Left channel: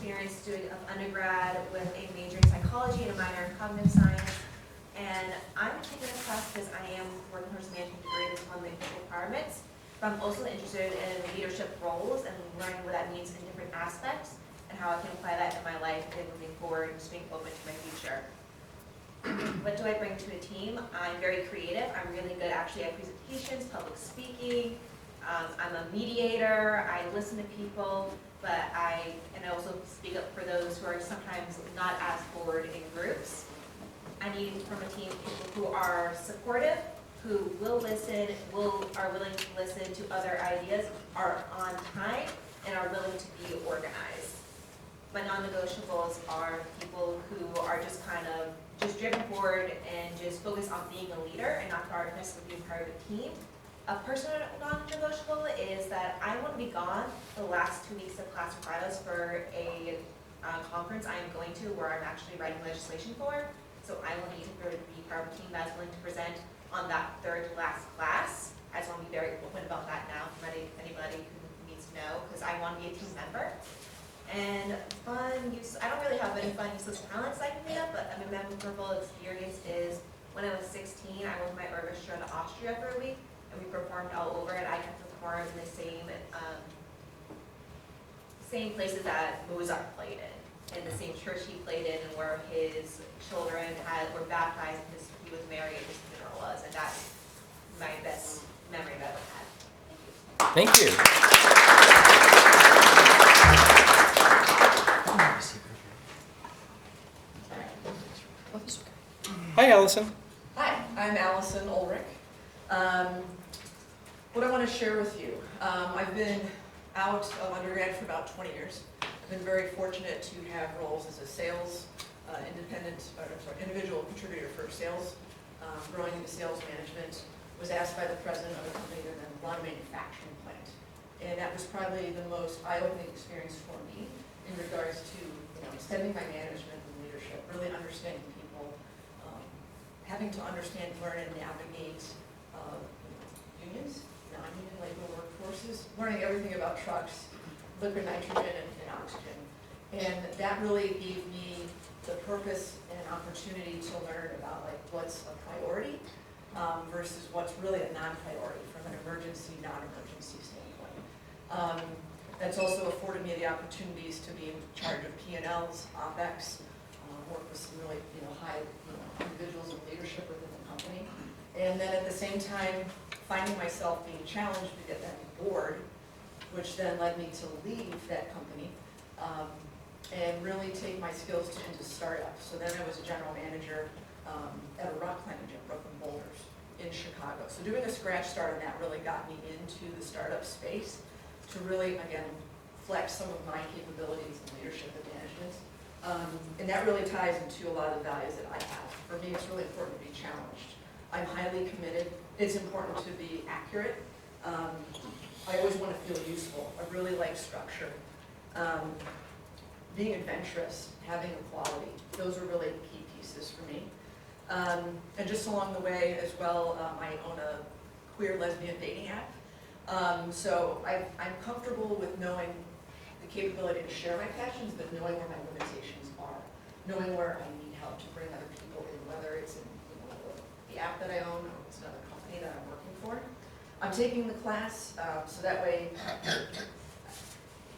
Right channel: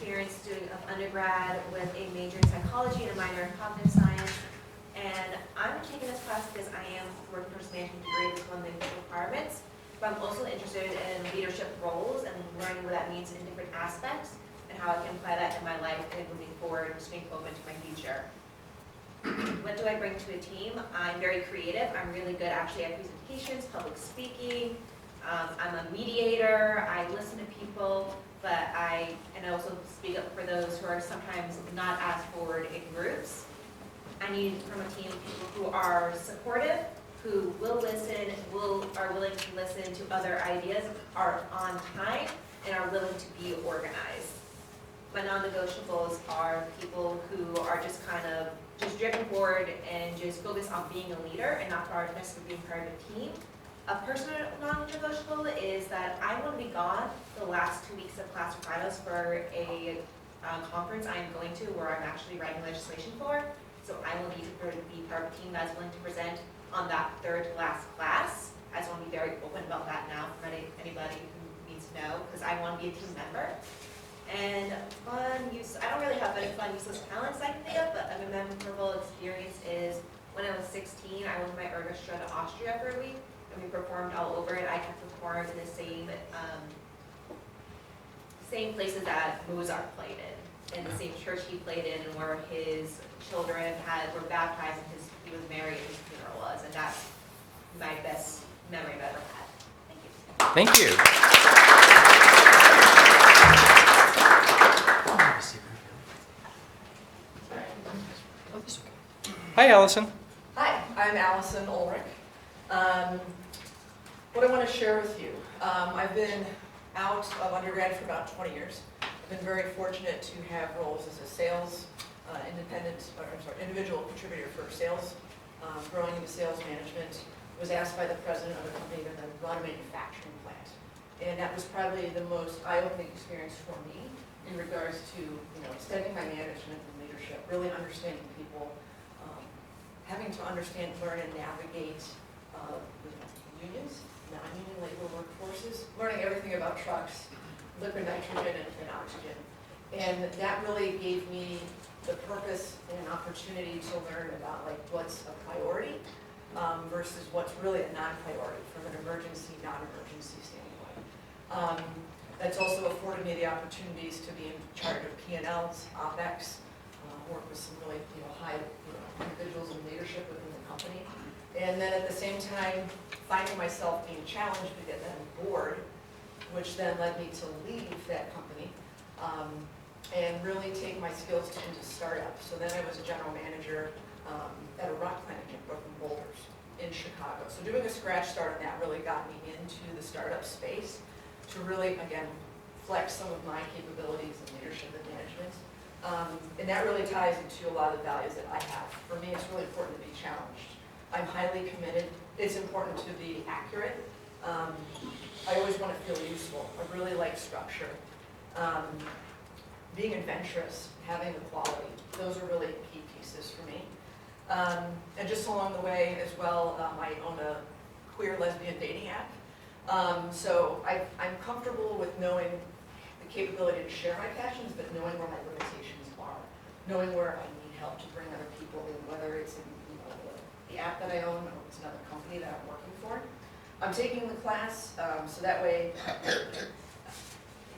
experience of undergrad with a major in psychology and a minor in cognitive science. And I'm taking this class because I am working towards a management degree. That's one of the requirements. But I'm also interested in leadership roles and learning what that means in different aspects and how I can apply that in my life and moving forward, just being open to my future. What do I bring to a team? I'm very creative. I'm really good actually at presentations, public speaking. I'm a mediator. I listen to people, but I also speak up for those who are sometimes not as forward in groups. I need from a team people who are supportive, who will listen, are willing to listen to other ideas, are on time, and are willing to be organized. My non-negotiables are people who are just kind of just driven forward and just focus on being a leader and not necessarily being part of a team. A personal non-negotiable is that I want to be gone the last 2 weeks of class requirements for a conference I am going to where I'm actually writing legislation for. So I will need to be part of a team that's willing to present on that third to last class. I just want to be very open about that now from anybody who needs to know, because I want to be a team member. And I don't really have any fun useless talents I can think of, but a memorable experience is when I was 16, I went with my orchestra to Austria for a week, and we performed all over it. I got to perform in the same places that Mozart played in the same church he played in, and where his children were baptized, and he was married, and his funeral was, and that's my best memory I've ever had. Thank you. Hi, Allison. Hi, I'm Allison Ulrich. What I want to share with you, I've been out of undergrad for about 20 years. I've been very fortunate to have roles as a sales individual contributor for sales, growing into sales management. Was asked by the president of a company to then run a manufacturing plant, and that was probably the most eye-opening experience for me in regards to extending my management and leadership, really understanding people, having to understand, learn, and navigate unions, non-union labor workforces, learning everything about trucks, liquid nitrogen, and oxygen. And that really gave me the purpose and opportunity to learn about what's a priority versus what's really a non-priority from an emergency, non-emergency standpoint. That's also afforded me the opportunities to be in charge of P&Ls, OpEx, work with some really high individuals in leadership within the company. And then at the same time, finding myself being challenged to get that board, which then led me to leave that company and really take my skills into startups. So then I was a general manager at a rock plant in Brooklyn Boulders in Chicago. So doing a scratch start on that really got me into the startup space to really, again, flex some of my capabilities in leadership and management. And that really ties into a lot of the values that I have. For me, it's really important to be challenged. I'm highly committed. It's important to be accurate. I always want to feel useful. I really like structure. Being adventurous, having equality, those are really key pieces for me. And just along the way as well, I own a queer lesbian dating app. So I'm comfortable with knowing the capability to share my passions, but knowing where my limitations are, knowing where I need help to bring other people in, whether it's in the app that I own or it's another company that I'm working for. I'm taking the class so that way,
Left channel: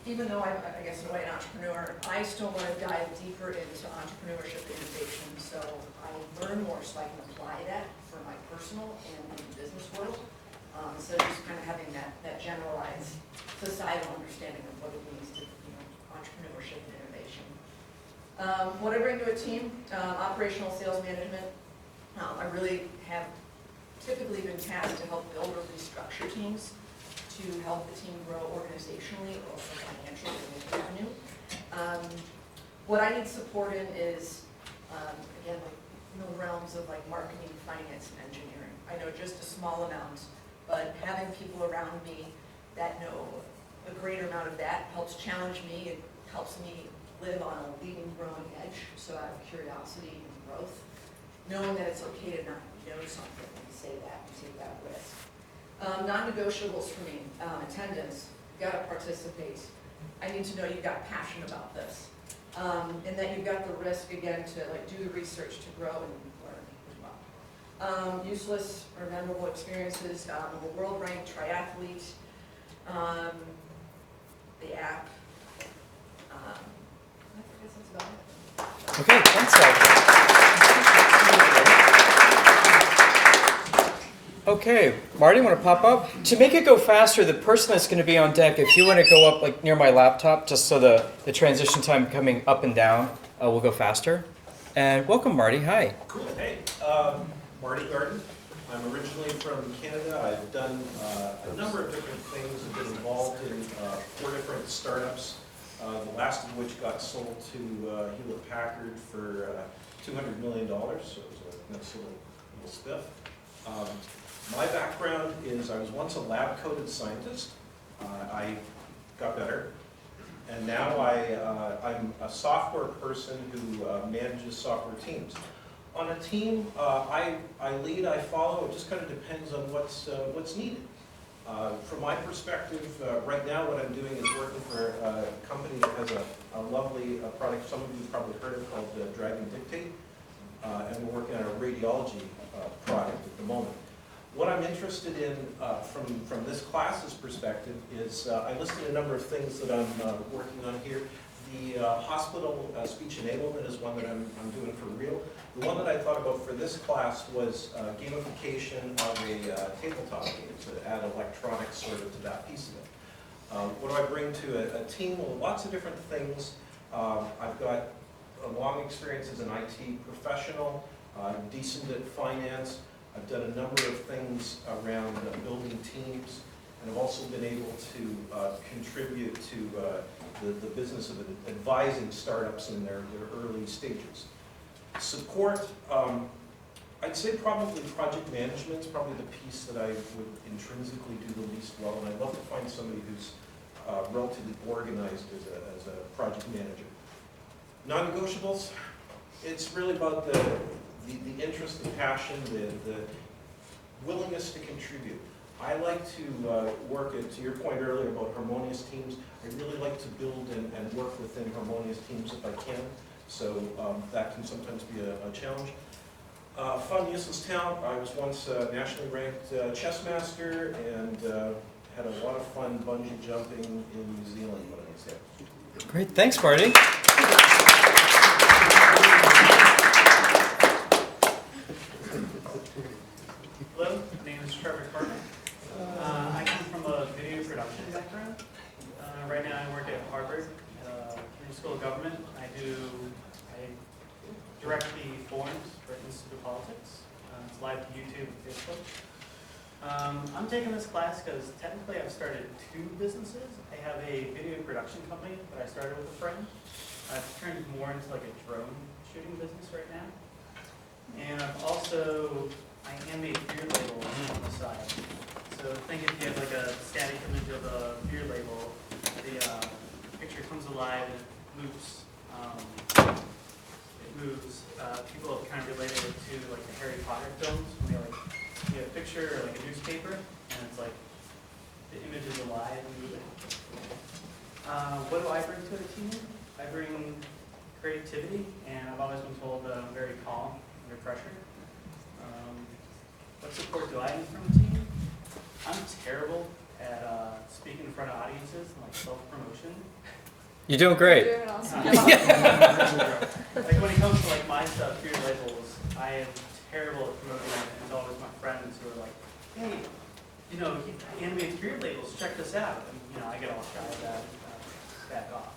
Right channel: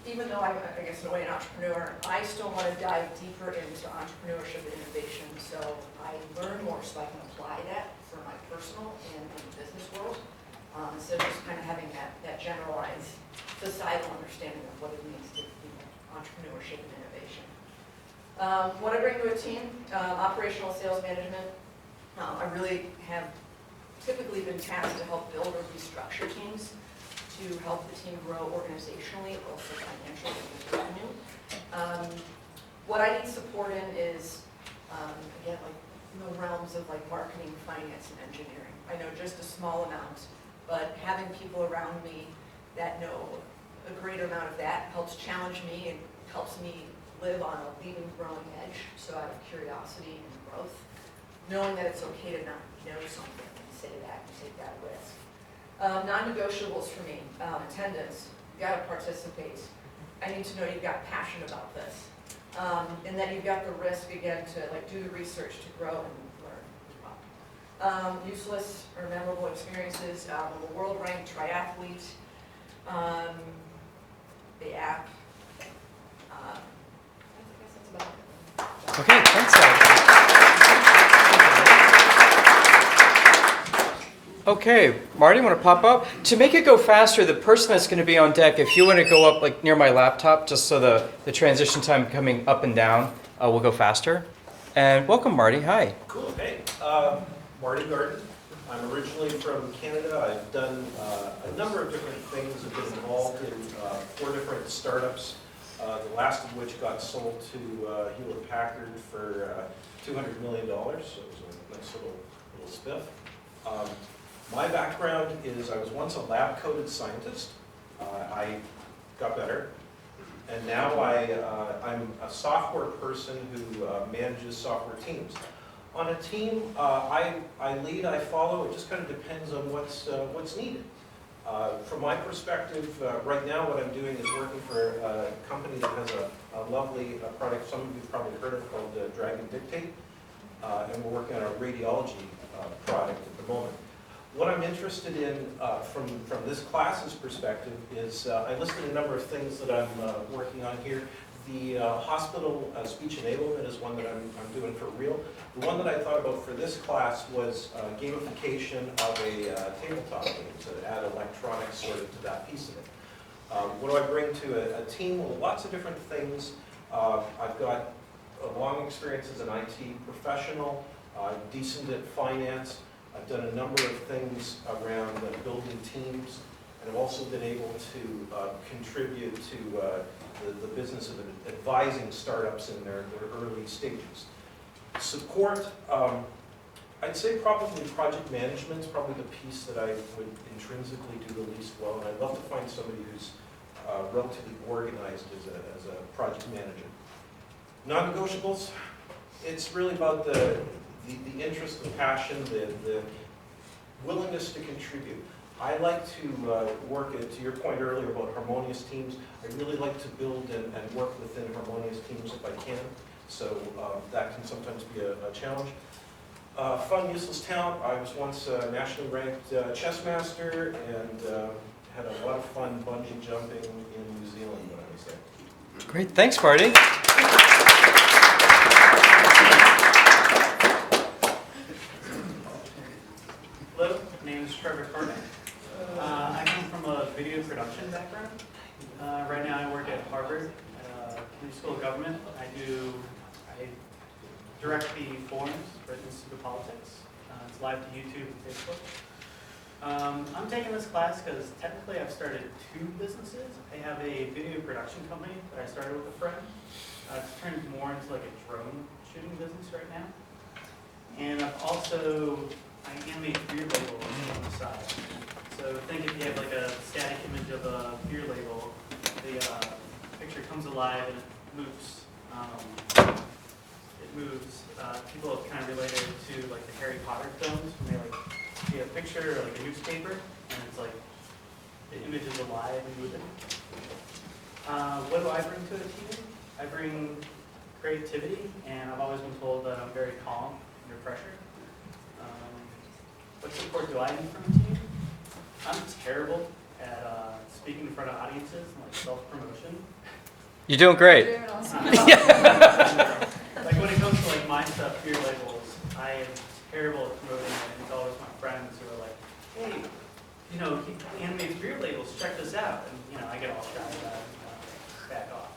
even though I'm, I guess, in a way, an entrepreneur, I still want to dive deeper into entrepreneurship and innovation. So I learn more so I can apply that for my personal and business world. So just kind of having that generalized societal understanding of what it means to entrepreneurship and innovation. What I bring to a team, operational sales management. I really have typically been tasked to help build or restructure teams, to help the team grow organizationally, also financially and with revenue. What I need support in is, again, in the realms of marketing, finance, and engineering. I know just a small amount, but having people around me that know a greater amount of that helps challenge me. It helps me live on a leading, growing edge, so out of curiosity and growth, knowing that it's okay to not know something and say that and take that risk. Non-negotiables for me, attendance, you've got to participate. I need to know you've got passion about this. and that you've got the risk, again, to like do the research to grow and learn as well. Useless or memorable experiences, the world-ranked triathlete, the app. I guess that's about it. Okay, thanks, Okay, Marty, want to pop up? To make it go faster, the person that's going to be on deck, if you want to go up like near my laptop, just so the transition time coming up and down will go faster. And welcome, Marty. Hi. Cool. Hey, Marty Garden. I'm originally from Canada. I've done a number of different things. I've been involved in 4 different startups, the last of which got sold to Hewlett Packard for $200 million, so it was a nice little spiff. My background is I was once a lab-coated scientist. I got better, and now I'm a software person who manages software teams. On a team, I lead, I follow. It just kind of depends on what's needed. From my perspective, right now what I'm doing is working for a company that has a lovely product some of you probably heard of called Dragon Dictate, and we're working on a radiology product at the moment. What I'm interested in from this class's perspective is I listed a number of things that I'm working on here. The hospital speech enablement is one that I'm doing for real. The one that I thought about for this class was gamification of a tabletop game to add electronics sort of to that piece of it. What do I bring to a team? Well, lots of different things. I've got a long experience as an IT professional, decent at finance. I've done a number of things around building teams, and I've also been able to contribute to the business of advising startups in their early stages. Support, I'd say probably project management is probably the piece that I would intrinsically do the least well, and I'd love to find somebody who's relatively organized as a project manager. Non-negotiables, it's really about the interest, the passion, the willingness to contribute. I like to work, to your point earlier about harmonious teams, I really like to build and work within harmonious teams if I can, so that can sometimes be a challenge. Fun, useless talent, I was once a nationally ranked chess master and had a lot of fun bungee jumping in New Zealand when I was there. Great, thanks, Marty. Hello, my name is Trevor Carter. I come from a video production background. Right now I work at Harvard, Community School of Government. I direct the forums for Institute of Politics. It's live to YouTube and Facebook. I'm taking this class because technically I've started 2 businesses. I have a video production company that I started with a friend. It's turned more into like a drone shooting business right now. And I animate beer labels on the side. So think if you have like a static image of a beer label, the picture comes alive and it moves. People have kind of related it to like the Harry Potter films when they like see a picture or like a newspaper and it's like the image is alive and moving. What do I bring to a team? I bring creativity, and I've always been told that I'm very calm under pressure. What support do I need from a team? I'm terrible at speaking in front of audiences and like self-promotion. You're doing great. Like when it comes to like my stuff, beer labels, I am terrible at promoting it, and it's always my friends who are like, hey, he animates beer labels, check this out. And I get all shy about it and back off.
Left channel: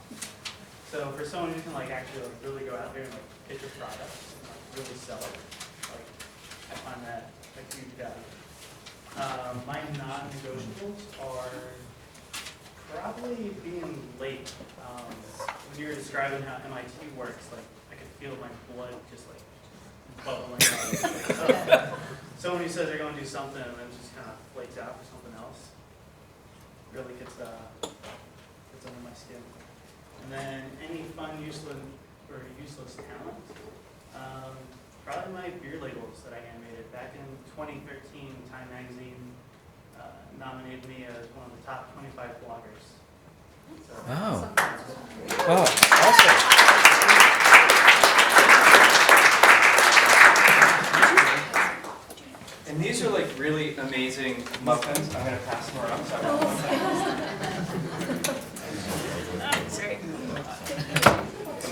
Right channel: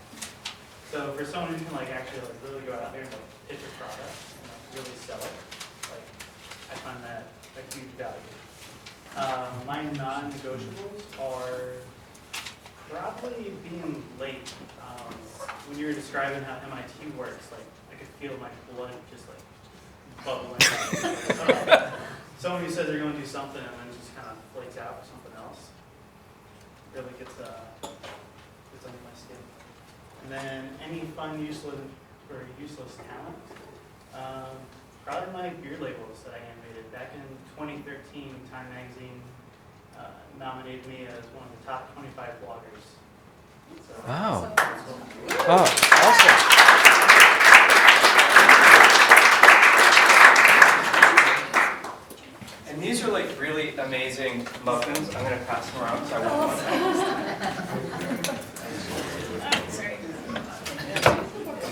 So for someone who can like actually like really go out there and like pitch a product and like really sell it, like I find that a huge value. My non-negotiables are probably being late. When you were describing how MIT works, like I could feel my blood just like bubbling. Someone who says they're going to do something and then just kind of flakes out for something else really gets under my skin. And then any fun, useless talent. Probably my beer labels that I animated. Back in 2013, Time Magazine nominated me as one of the top 25 bloggers. So, Wow. that's cool. Oh, awesome. amazing muffins. I'm going to pass them around, so I want one.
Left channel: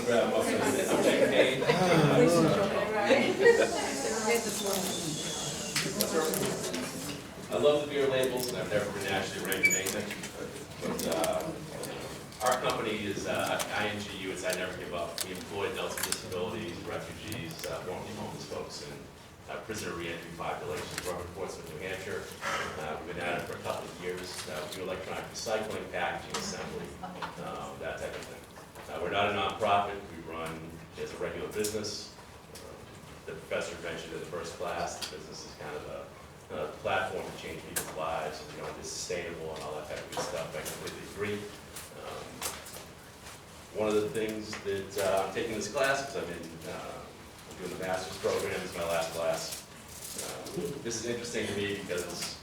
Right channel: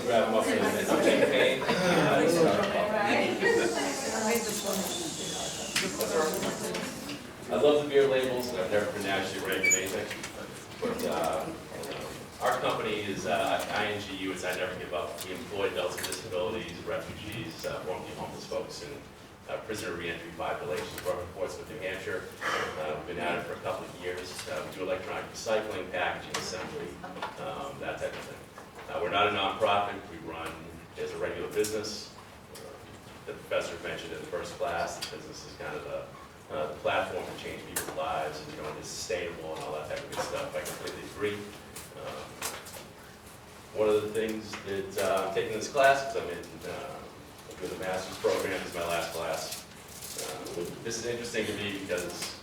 Grab muffins, some champagne. I love the beer labels, and I've never been actually ranked in anything. But our company is INGU, it's I Never Give Up. We employ adults with disabilities, refugees, formerly homeless folks, and prisoner reentry populations. We're up in Portsmouth, New Hampshire. We've been at it for a couple of years. We do electronic recycling, packaging, assembly, that type of thing. We're not a nonprofit. We run as a regular business. The professor mentioned in the first class, the business is kind of a platform to change people's lives, and it's sustainable and all that type of good stuff. I completely agree. One of the things that I'm taking this class, because I'm doing the master's program, this is my last class. This is interesting to me because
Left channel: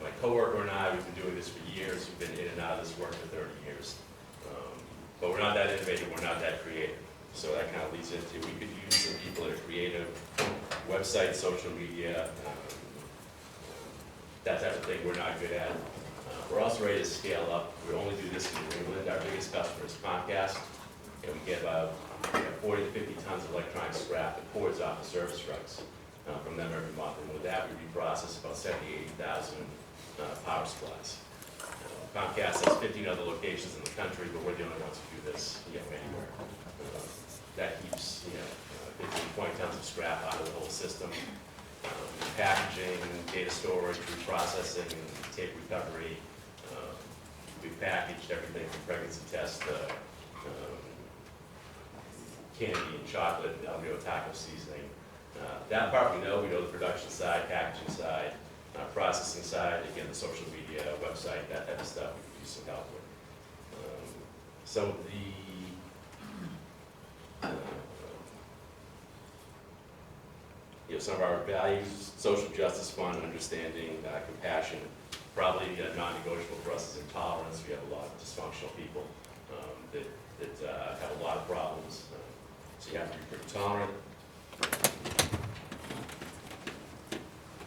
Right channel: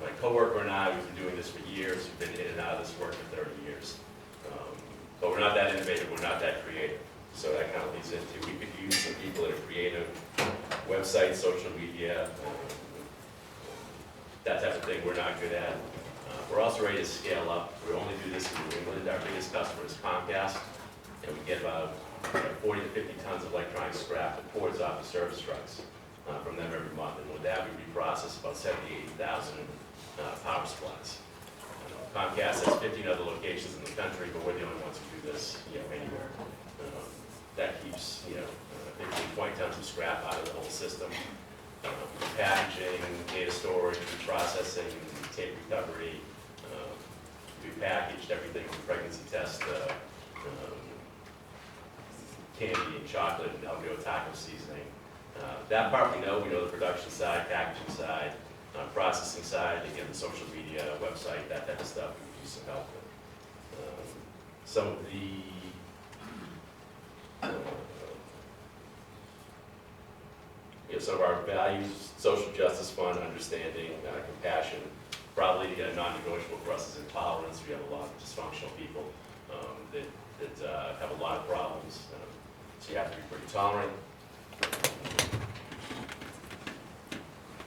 my coworker and I, we've been doing this for years. We've been in and out of this work for 30 years. But we're not that innovative, we're not that creative. So that kind of leads into, we could use some people that are creative, websites, social media, that type of thing we're not good at. We're also ready to scale up. We only do this in New England. Our biggest customer is Comcast, and we get about 40 to 50 tons of electronic scrap that pours off the service trucks from them every month. And with that, we reprocess about 70,000 to 80,000 power supplies. Comcast has 15 other locations in the country, but we're the only ones who do this, anywhere. That keeps, 15, 20 tons of scrap out of the whole system. Packaging, data storage, reprocessing, and tape recovery. We packaged everything from pregnancy test, candy and chocolate, and El Neo taco seasoning. That part we know the production side, packaging side, processing side, again, the social media, website, that type of stuff we could use some help with. Some of the some of our values, social justice fund, understanding, compassion. Probably non-negotiable for us is intolerance. We have a lot of dysfunctional people that have a lot of problems. So you have to be pretty tolerant.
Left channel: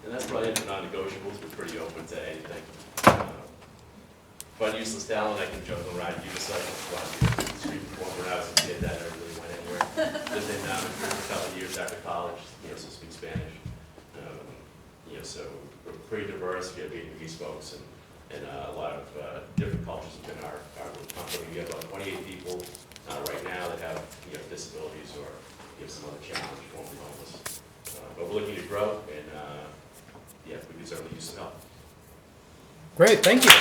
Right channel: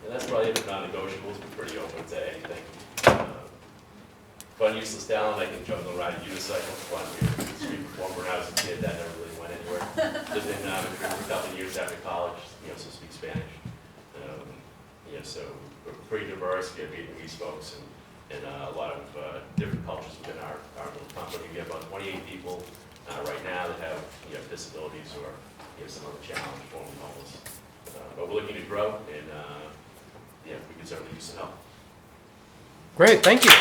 And that's probably it for non-negotiables. We're pretty open to anything. Fun, useless talent, I can juggle and ride a unicycle. Well, I'm a street performer when I was a kid. That never really went anywhere. Lived in Madrid for a couple of years after college, so speak Spanish. So we're pretty diverse. We have Vietnamese folks and a lot of different cultures within our little company. We have about 28 people right now that have disabilities or some other challenge, formerly homeless. But we're looking to grow, and we can certainly use some help. Great, thank you.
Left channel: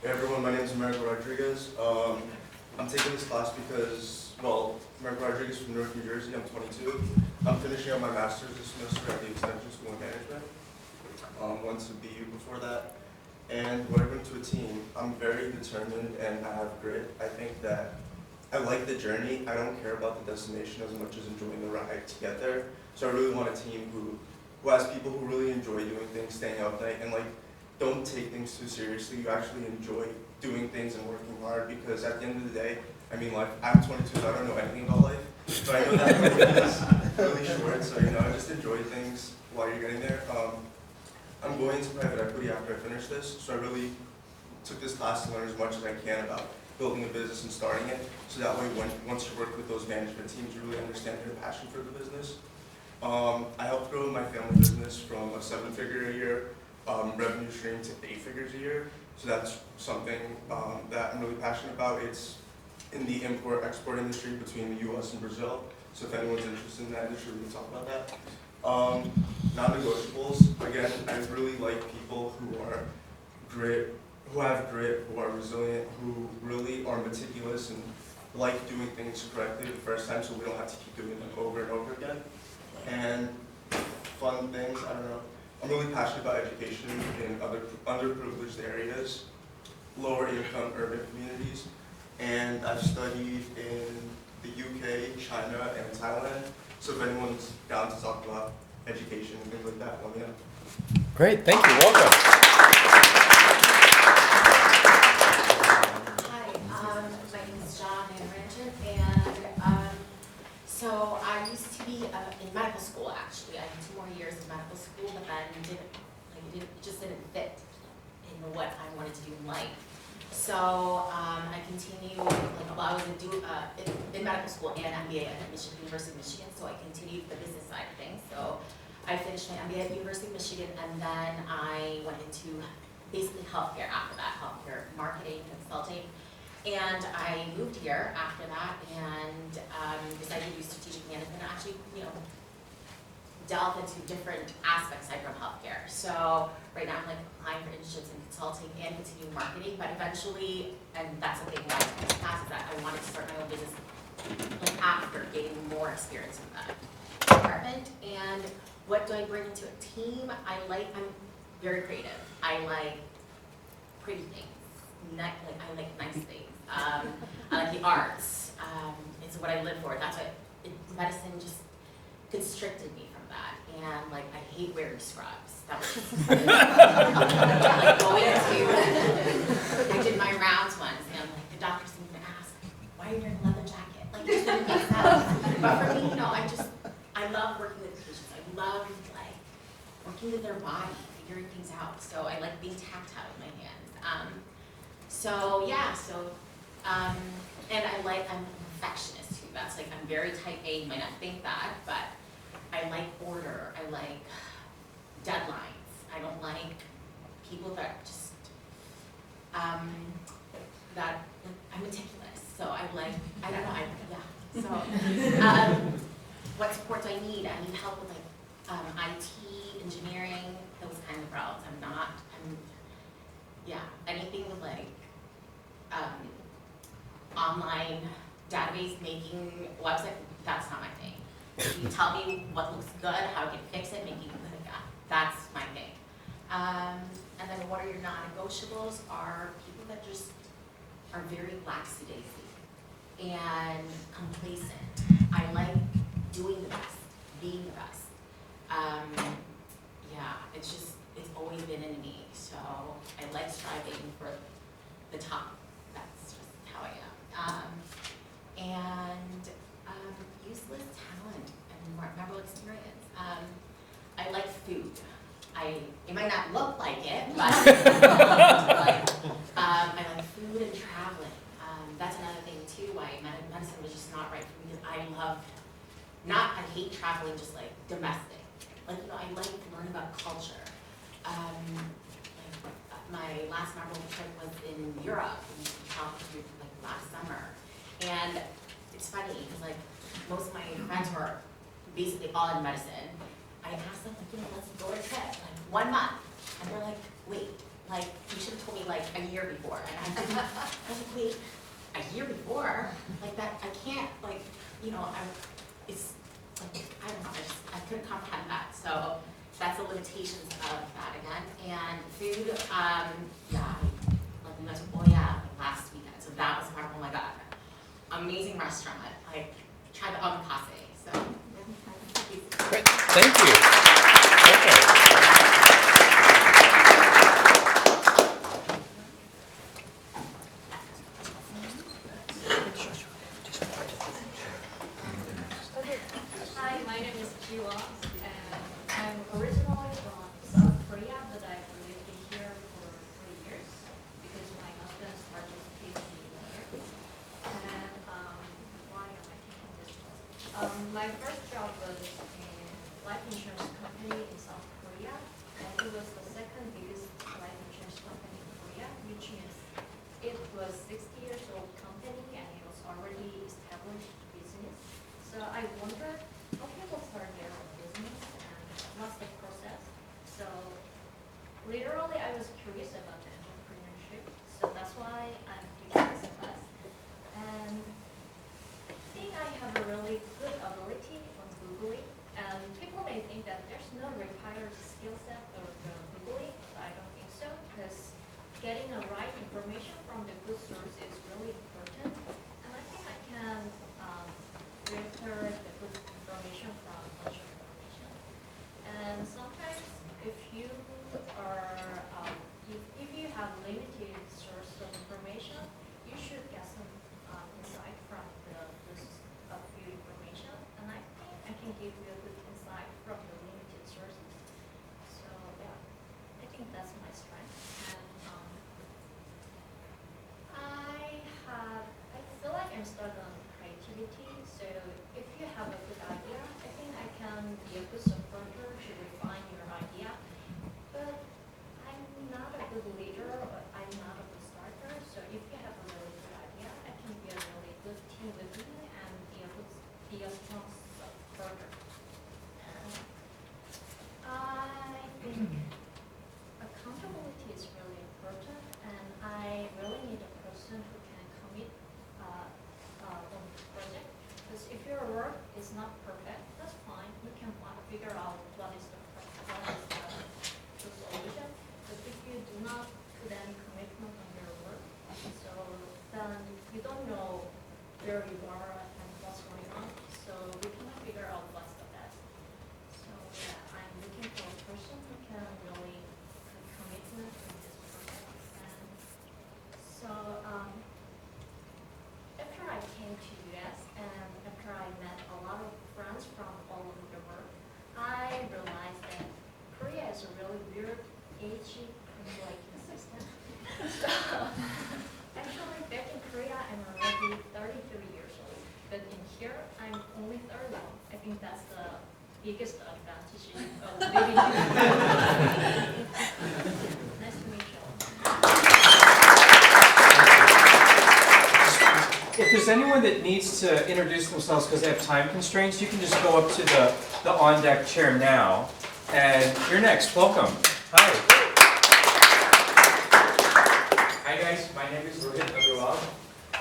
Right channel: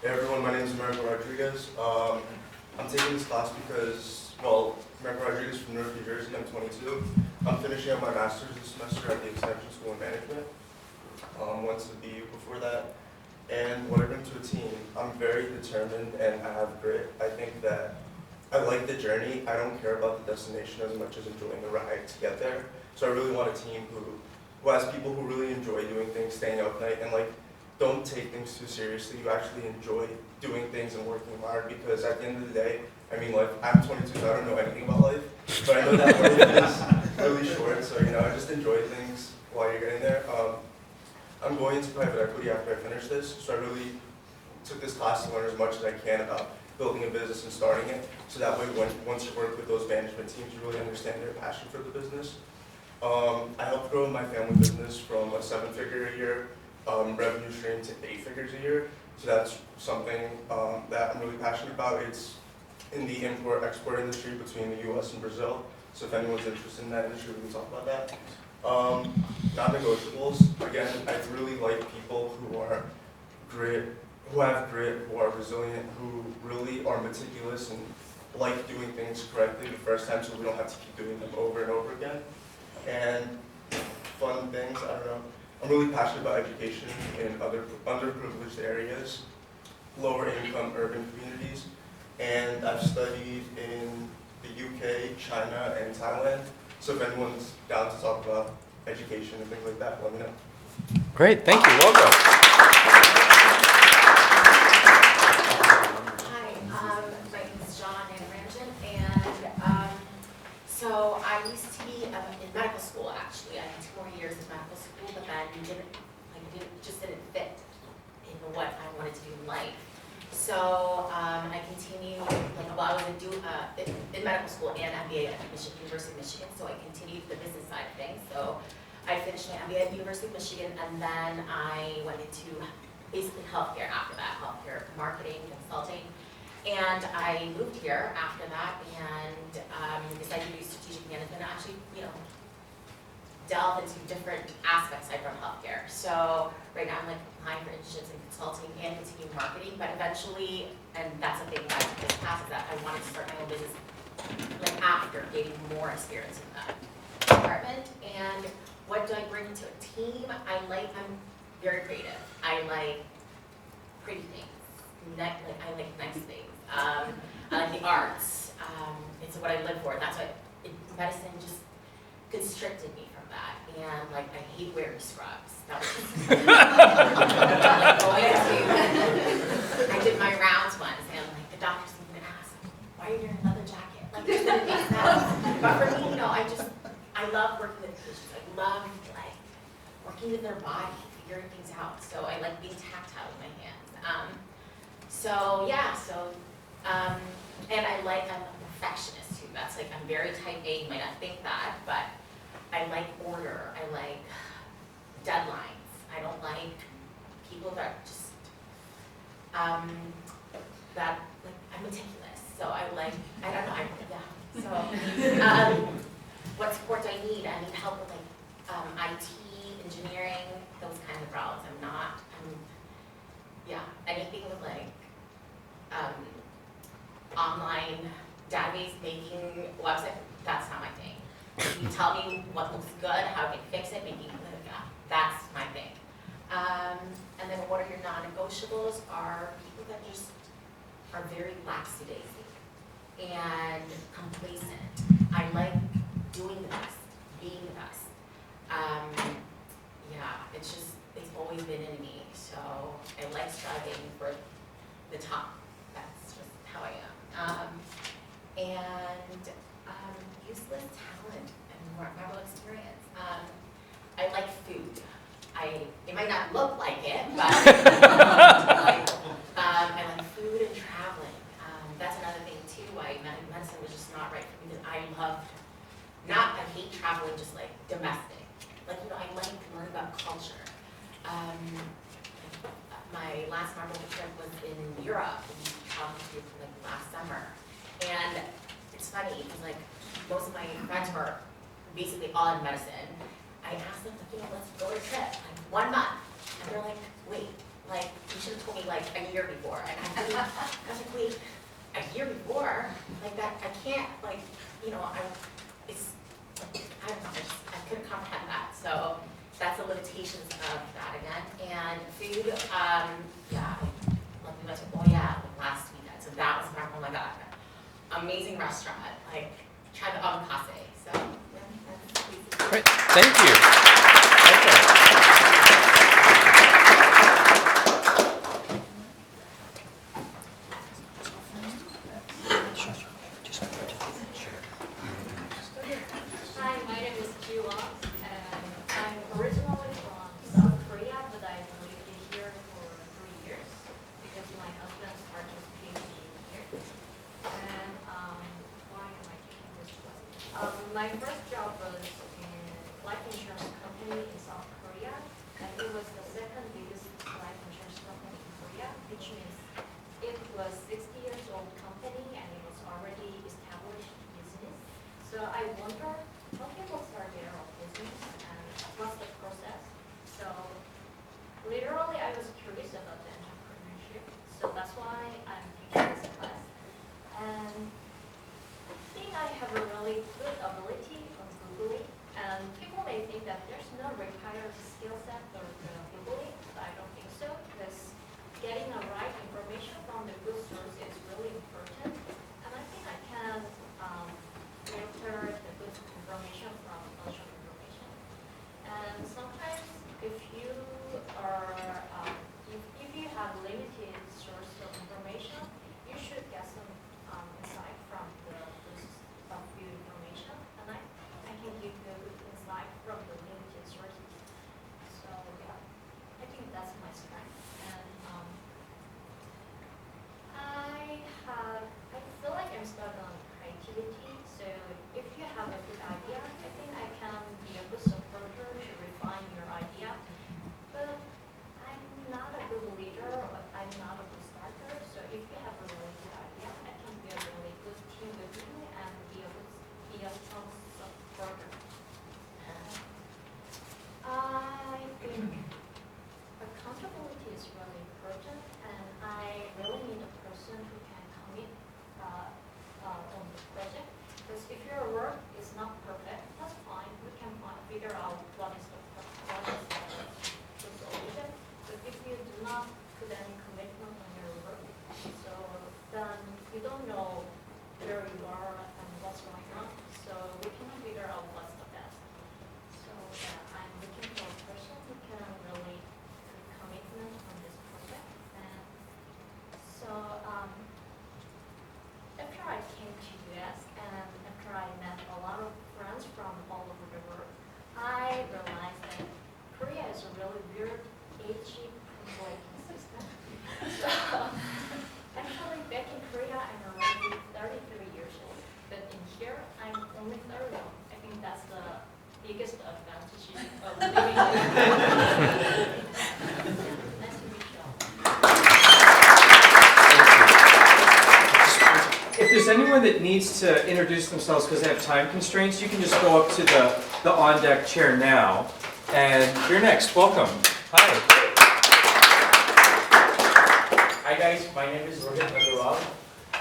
Hey everyone, my name is Americo Rodriguez. I'm taking this class because, Americo Rodriguez from Newark, New Jersey. I'm 22. I'm finishing up my master's this semester at the Extension School of Management. Went to BU before that. And what I bring to a team, I'm very determined and I have grit. I think that I like the journey. I don't care about the destination as much as enjoying the ride to get there. So I really want a team who has people who really enjoy doing things, staying up night, and don't take things too seriously. You actually enjoy doing things and working hard, because at the end of the day, I'm 22, so I don't know anything about life. So I know that life is really short, so I just enjoy things while you're getting there. I'm going into private equity after I finish this, so I really took this class to learn as much as I can about building a business and starting it, so that way once you work with those management teams, you really understand their passion for the business. I helped grow my family business from a 7-figure a year revenue stream to 8 figures a year. So that's something that I'm really passionate about. It's in the import-export industry between the US and Brazil. So if anyone's interested in that industry, we can talk about that. Non-negotiables, again, I really like people who have grit, who are resilient, who really are meticulous and like doing things correctly the first time, so we don't have to keep doing them over and over again. And fun things, I don't know. I'm really passionate about education in other underprivileged areas, lower income urban communities, and I've studied in the UK, China, and Thailand. So if anyone's down to talk about education and things like that, let me know. Great, thank you, welcome. Hi, my name is John Ranjan, and I continued, I was in medical school and MBA at University of Michigan, so I continued the business side of things. So I finished my MBA at University of Michigan, and then I went into basically healthcare after that, healthcare marketing, consulting. And I moved here after that and decided to do strategic management, actually, delve into different aspects aside from healthcare. So right now I'm applying for internships in consulting and continuing marketing, but eventually, and that's the thing that I just passed, is that I wanted to start my own business after gaining more experience in that department. And what do I bring to a team? I'm very creative. I like pretty things. I like nice things. I like the arts. It's what I live for. That's what medicine just constricted me from that. And I hate wearing scrubs. That was going to. I did my rounds once, and the doctor seemed to ask, "Why are you wearing a leather jacket?" It just didn't make sense. But for me, I love working with patients. I love working with their body, figuring things out. So I like being tactile with my hands. And I'm a perfectionist too. That's I'm very type A, you might not think that, but I like order. I like deadlines. I don't like people that just, I'm meticulous. So I don't know, So, what support do I need? I need help with IT, engineering, those kinds of routes. Anything with online database making website, that's not my thing. You tell me what looks good, how I can fix it, that's my thing. And then what are your non-negotiables are people that just are very lackadaisy and complacent. I like doing the best, being the best. It's always been in me, so I like striving for the top. That's just how I am. Useless talent and memorable experience. I like food. It might not look like it, but I like food and traveling. That's another thing too, why medicine was just not right for me, because I hate traveling just domestic. I like learning about culture. My last memorable trip was in Europe, and we traveled here last summer. And it's funny, because most of my friends were basically all in medicine. I asked them, let's go on a trip, 1 month. And they're like, wait, you should have told me a year before. And I was like, wait, a year before? That, I can't, I don't know, I couldn't comprehend that. So that's the limitations of that again. And food, we went to last weekend. So that was oh my God, amazing restaurant. Tried the omakase. So that's basically. Great, thank you. Okay. Hi, my name is Jiwa, and I'm originally from South Korea, but I've lived here for 3 years because my husband started his PhD here. And why am I taking this class? My first job was in life insurance company in South Korea, and it was the second biggest life insurance company in Korea, which means it was 60 years old company and it was already established business. So I wonder how people start their own business and what's the process. So literally I was curious about the entrepreneurship. So that's why I'm taking this class. And I think I have a really good ability on Googling. And people may think that there's no required skill set for the Googling, but I don't think so, because getting the right information from the good source is really important. And I think I can filter the good Ibarra and what's going on, so we cannot figure out what's the best. So yeah, I'm looking for a person who can really put commitment in this project. And so after I came to US and after I met a lot of friends from all over the world, I realized that Korea is a really weird age breaking system. So actually back in Korea I'm already 33 years old, but in here I'm only 31. I think that's the biggest advantage of living here. Nice to meet you all. If there's anyone that needs to introduce themselves because they have time constraints, you can just go up to the on-deck chair now. And you're next. Welcome. Hi. Hi guys, my name is Rohit Agrawal.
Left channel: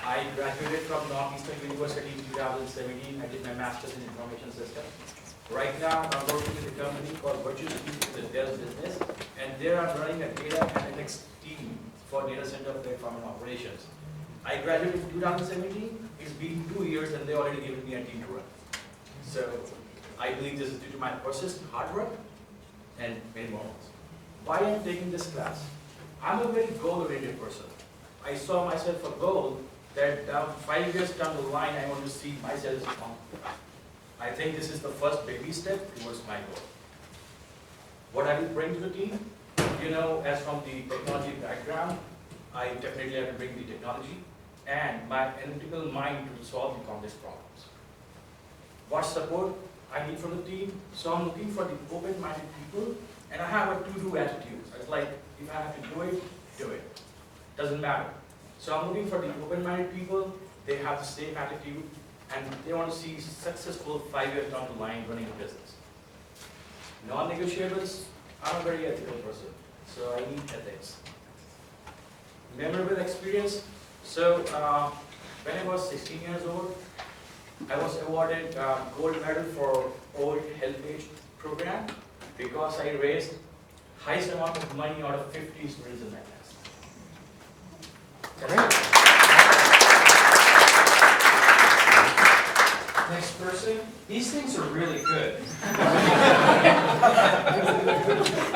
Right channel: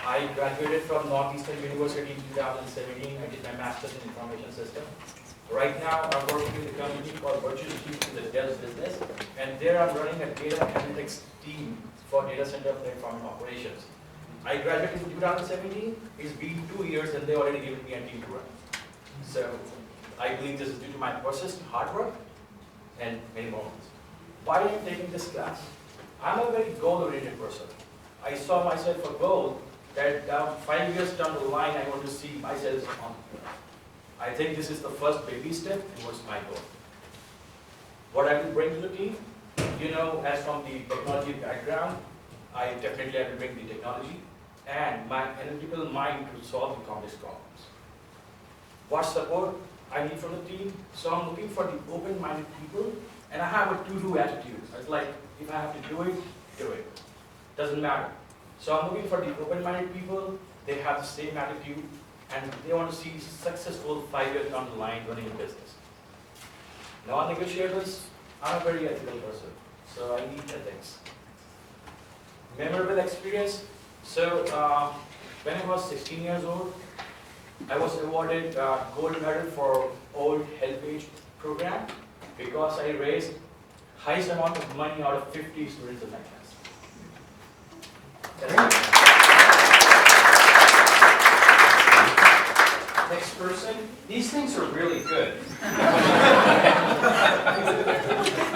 I graduated from Northeastern University in 2017. I did my master's in information systems. Right now, I'm working with a company called Virtual Cube in the Dell business, and there I'm running a data analytics team for data center platform and operations. I graduated in 2017. It's been 2 years, and they already given me a team to run. So I believe this is due to my persistent hard work and many more. Why I'm taking this class? I'm a very goal-oriented person. I saw myself a goal that down 5 years down the line, I want to see myself on. I think this is the first baby step towards my goal. What I will bring to the team, you know, as from the technology background, I definitely have to bring the technology and my analytical mind to solve the complex problems. What support I need from the team? So I'm looking for the open-minded people, and I have a to-do attitude. It's like, if I have to do it, do it. Doesn't matter. So I'm looking for the open-minded people. They have the same attitude, and they want to see successful 5 years down the line running a business. Non-negotiables, I'm a very ethical person, so I need ethics. Memorable experience. So when I was 16 years old, I was awarded gold medal for Old Helpage program because I raised highest amount of money out of 50 students in my class. That's it. Next person. These things are really good. I'm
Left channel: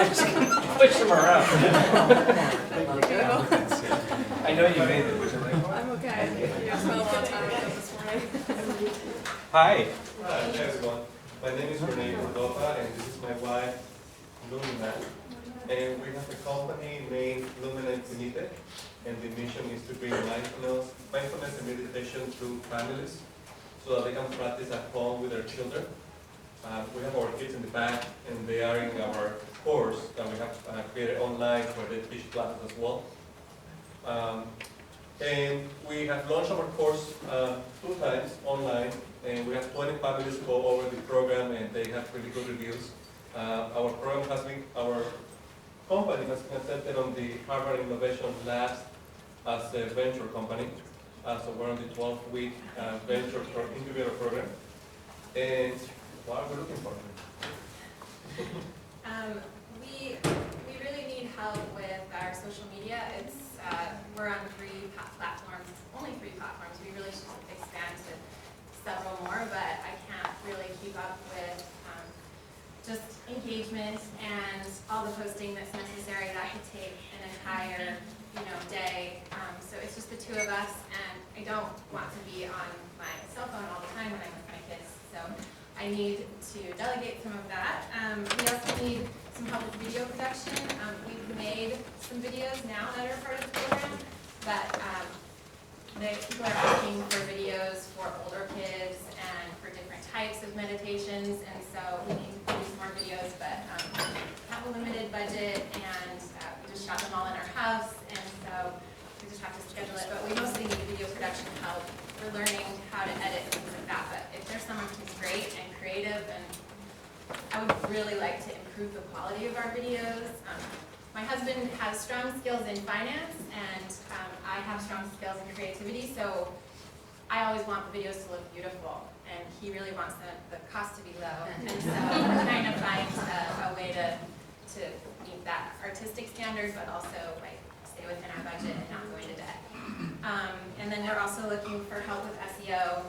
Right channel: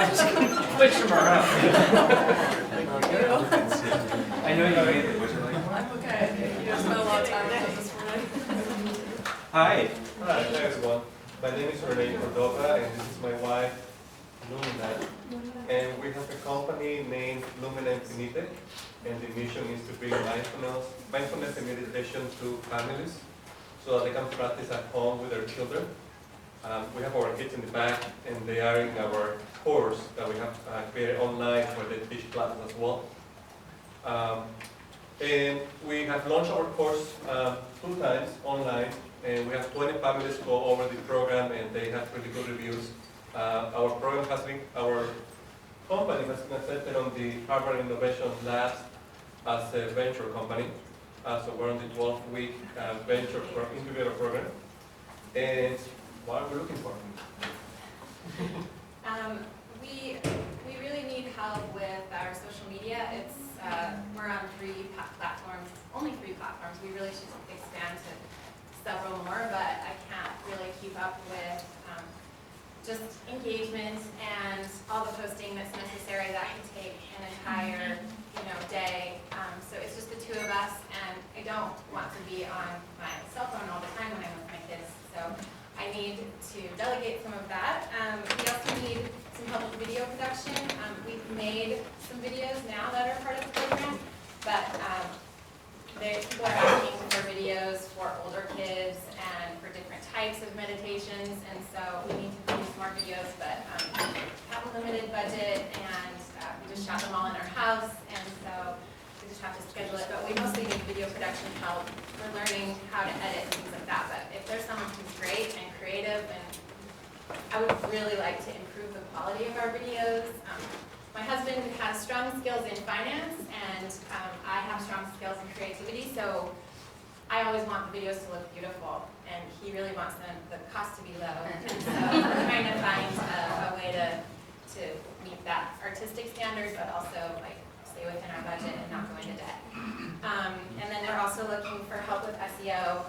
just going to push them around. I know you're going to. I'm okay. I've spent a lot of time with this already. Hi. Hi everyone. My name is Renee Cordova, and this is my wife, Lumina. And we have a company named Lumina Infinite, and the mission is to bring mindfulness and meditation to families so that they can practice at home with their children. We have our kids in the back, and they are in our course that we have created online where they teach classes as well. And we have launched our course 2 times online, and we have 20 families go over the program, and they have really good reviews. Our company has been accepted on the Harvard Innovation Labs as a venture company. So we're on the 12-week venture incubator program. And what are we looking for? We really need help with our social media. It's we're on 3 platforms, only 3 platforms. We really should expand to several more, but I can't really keep up with just engagement and all the posting that's necessary. That could take an entire day. So it's just the 2 of us, and I don't want to be on my cell phone all the time when I'm with my kids. So I need to delegate some of that. We also need some help with video production. We've made some videos now that are part of the program, but people are asking for videos for older kids and for different types of meditations, and so we need to produce more videos, but have a limited budget, and we just shot them all in our house, and so we just have to schedule it. But we mostly need video production help. We're learning how to edit and things like that, but if there's someone who's great and creative, and I would really like to improve the quality of our videos. My husband has strong skills in finance, and I have strong skills in creativity, so I always want the videos to look beautiful, and he really wants the cost to be low, and so we're trying to find a way to meet that artistic standard, but also like stay within our budget and not go into debt. And then And we're also looking for help with SEO.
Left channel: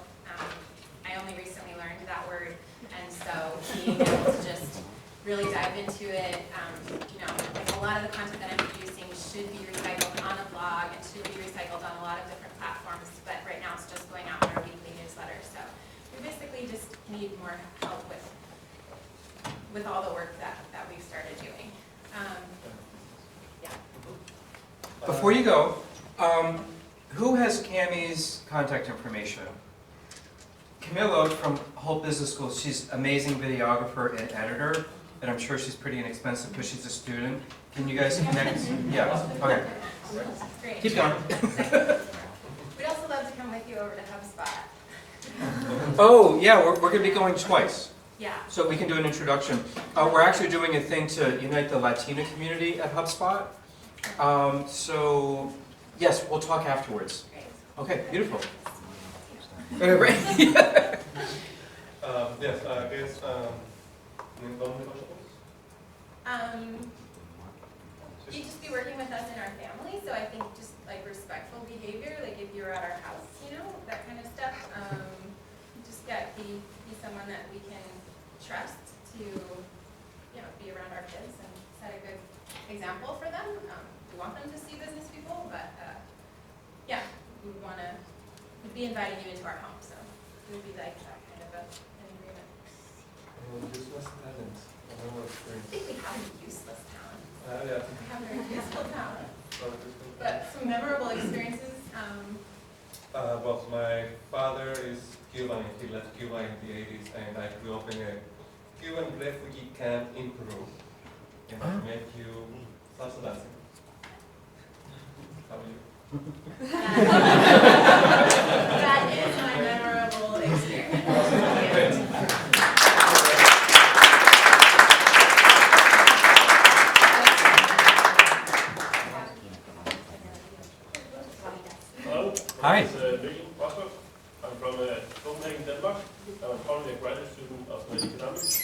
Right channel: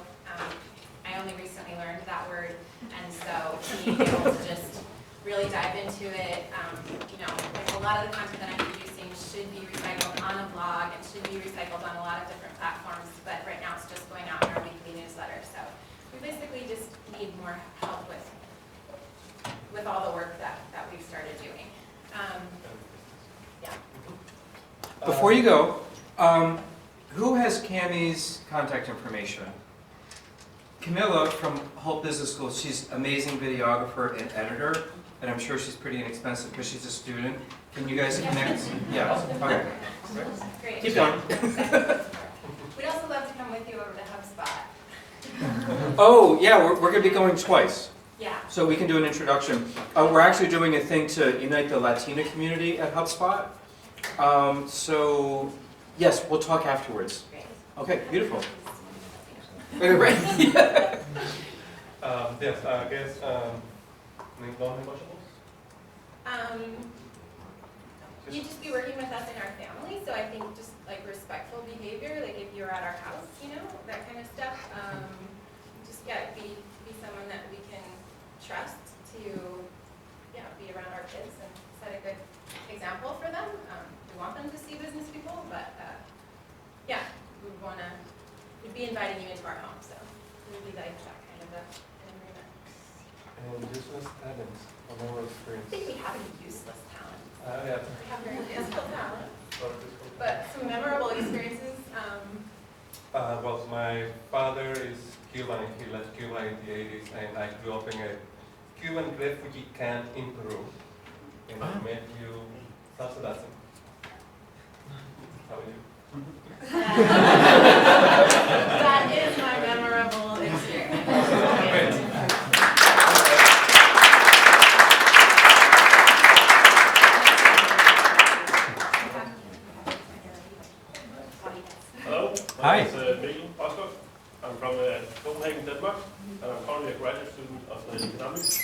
I only recently learned that word, and so being able to just really dive into it. Like a lot of the content that I'm producing should be recycled on a blog and should be recycled on a lot of different platforms, but right now it's just going out in our weekly newsletter. So we basically just need more help with all the work that we've started doing. Yeah. Before you go, who has Cammie's contact information? Camilla from Hope Business School, she's amazing videographer and editor, and I'm sure she's pretty inexpensive because she's a student. Can you guys connect? Yeah, okay. Great. Keep going. We'd also love to come with you over to HubSpot. Oh, yeah, we're going to be going twice. Yeah. So we can do an introduction. We're actually doing a thing to unite the Latina community at HubSpot. So, yes, we'll talk afterwards. Great. Okay, beautiful. Right. Yes, I guess, non-negotiables? You'd just be working with us in our family, so I think just like respectful behavior, like if you're at our house, that kind of stuff. Just be someone that we can trust to, be around our kids and set a good example for them. We want them to see business people, but we'd be inviting you into our home, so it would be like that kind of an agreement. And useless talents, a member I experience. think we have a useless talent. Yeah. We have very useful talent, but some memorable experiences. Well, my father is Cuban, and he left Cuba in the 80s, and I grew up in a Cuban refugee camp in Peru, and I met you self-dancing. How are you? That is my memorable experience. Hello. Hi. My name is Mikkel Rostock. I'm from Copenhagen, Denmark, and I'm currently a graduate student of economics.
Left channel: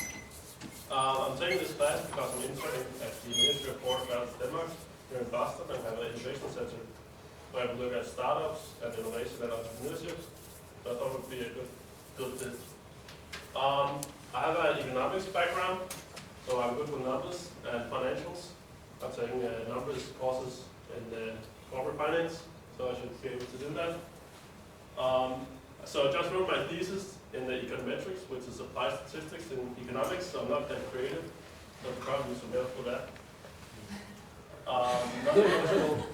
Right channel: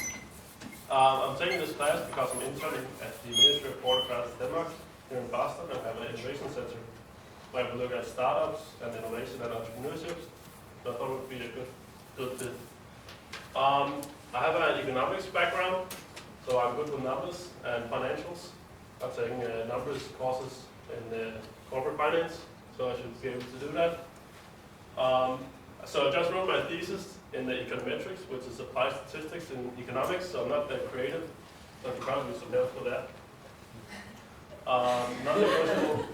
I'm taking this class because I'm interning at the Ministry of Port Affairs Denmark here in Boston and have an innovation center where we look at startups and innovation and entrepreneurship. So I thought it would be a good fit. I have an economics background, so I'm good with numbers and financials. I'm taking numbers courses in corporate finance, so I should be able to do that. So I just wrote my thesis in the econometrics, which is applied statistics in economics, so I'm not that creative, so I could probably use some help for that. Non-negotiable,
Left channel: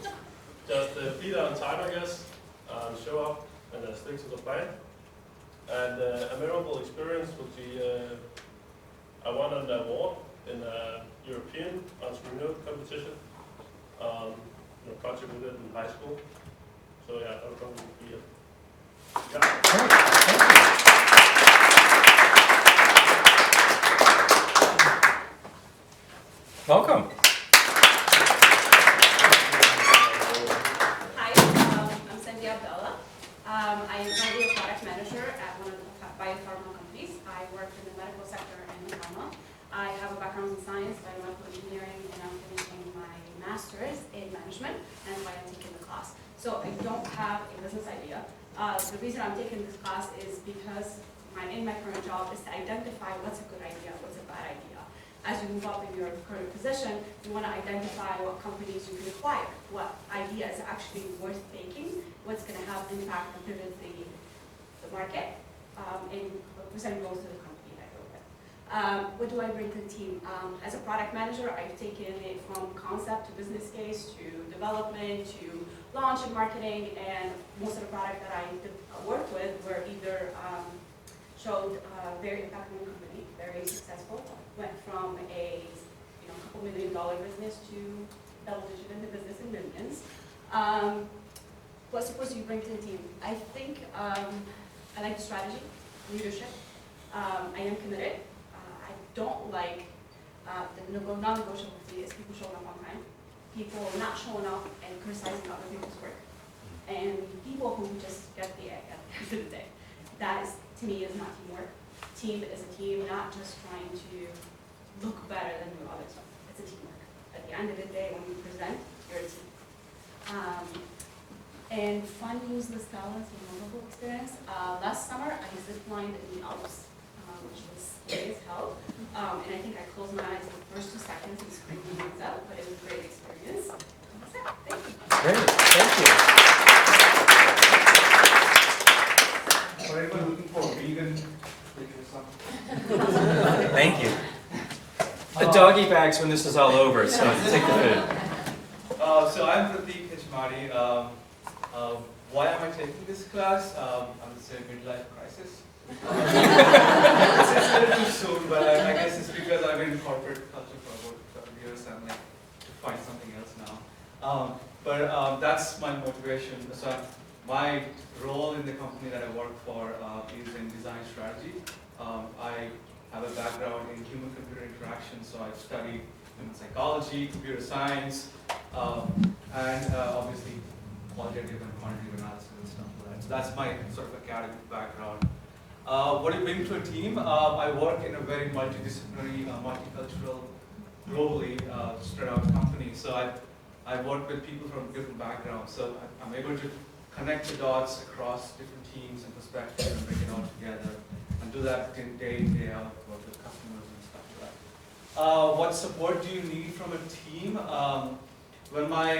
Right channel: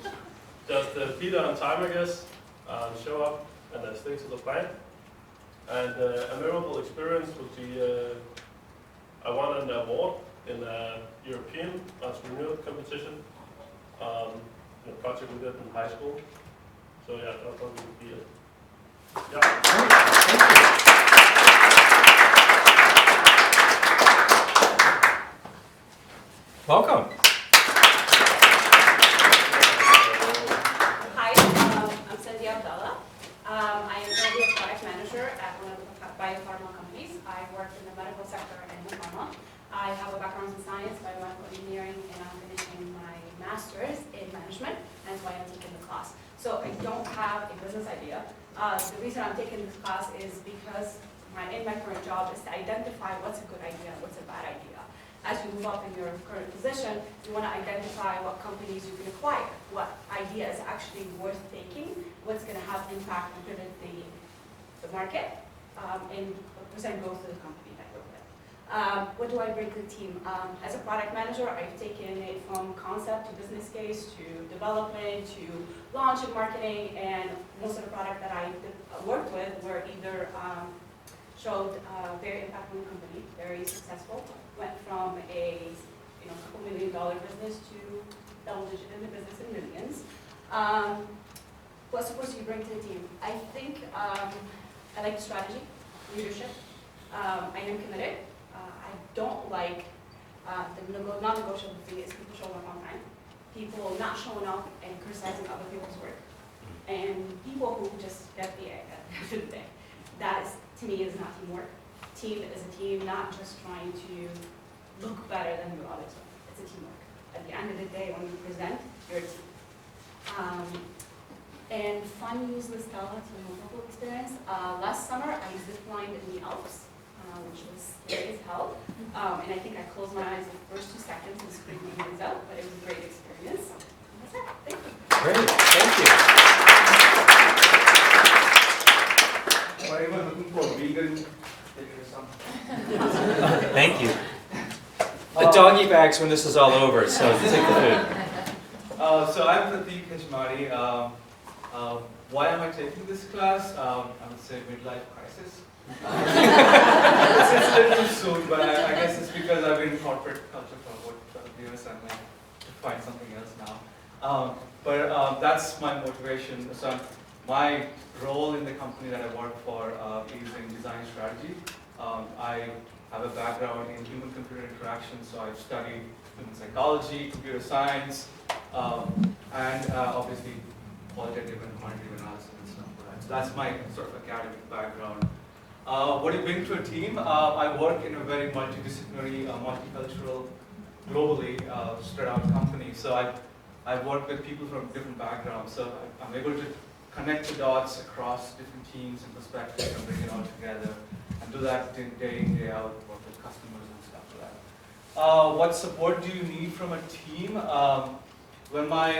just be there on time, I guess, show up and then stick to the plan. And a memorable experience would be, I won an award in a European entrepreneurial competition, in a project we did in high school. So yeah, that would probably be it. Yeah. Great, thank you. Welcome. Hi, I'm Cynthia Abdallah. I am currently a product manager at one of the biopharma companies. I work in the medical sector and the pharma. I have a background in science, biomedical engineering, and I'm finishing my master's in management, and that's why I'm taking the class. So I don't have a business idea. The reason I'm taking this class is because in my current job is to identify what's a good idea, what's a bad idea. As you move up in your current position, you want to identify what companies you can acquire, what idea is actually worth taking, what's going to have impact and pivot the market, and present growth to the company that you're with. What do I bring to the team? As a product manager, I've taken it from concept to business case to development to launch and marketing, and most of the product that I worked with were either showed very impactful company, very successful, went from a couple $1 million business to double digit in the business in millions. What support do you bring to the team? I think I like strategy, leadership. I am committed. I don't like the non-negotiable thing is people showing up on time, people not showing up and criticizing other people's work, and people who just get the egg at the end of the day. That is, to me, is not teamwork. Team is a team, not just trying to look better than your other stuff. It's a teamwork. At the end of the day, when you present, you're a team. And fun, useless talents, memorable experience. Last summer, I zip-lined in the Alps, which was scary as hell. And I think I closed my eyes the first 2 seconds and screamed my hands out, but it was a great experience. That's it. Thank you. Great, thank you. For anyone looking for vegan, there's some. Thank you. The doggy bags when this is all over, so take the food. So I'm Pratik Hajmari. Why am I taking this class? I would say midlife crisis. It's a little too soon, but I guess it's because I've been in corporate culture for about 12 years and I might find something else now. But that's my motivation. So my role in the company that I work for is in design strategy. I have a background in human-computer interaction, so I've studied human psychology, computer science, and obviously qualitative and quantitative analysis and stuff like that. So that's my sort of academic background. What do you bring to a team? I work in a very multidisciplinary, multicultural, globally spread out company. So I've worked with people from different backgrounds. So I'm able to connect the dots across different teams and perspectives and bring it all together. And do that day in, day out, work with customers and stuff like that. What support do you need from a team? When my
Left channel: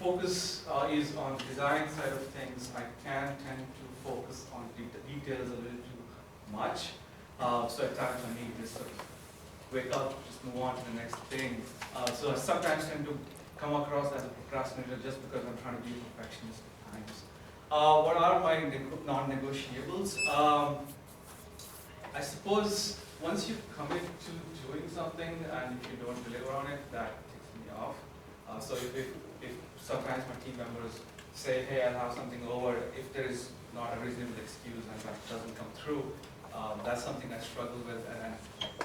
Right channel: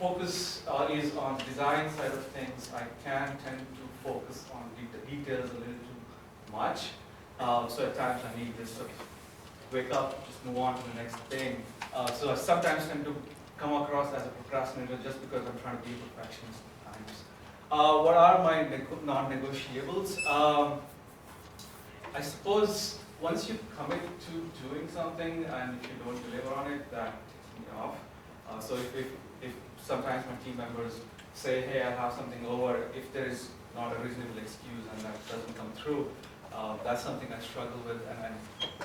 focus is on the design side of things, I can tend to focus on details a little too much. So at times I need to sort of wake up, just move on to the next thing. So I sometimes tend to come across as a procrastinator just because I'm trying to be a perfectionist at times. What are my non-negotiables? I suppose once you commit to doing something and if you don't deliver on it, that takes me off. So if sometimes my team members say, hey, I have something over, if there is not a reasonable excuse and that doesn't come through, that's something I struggle with and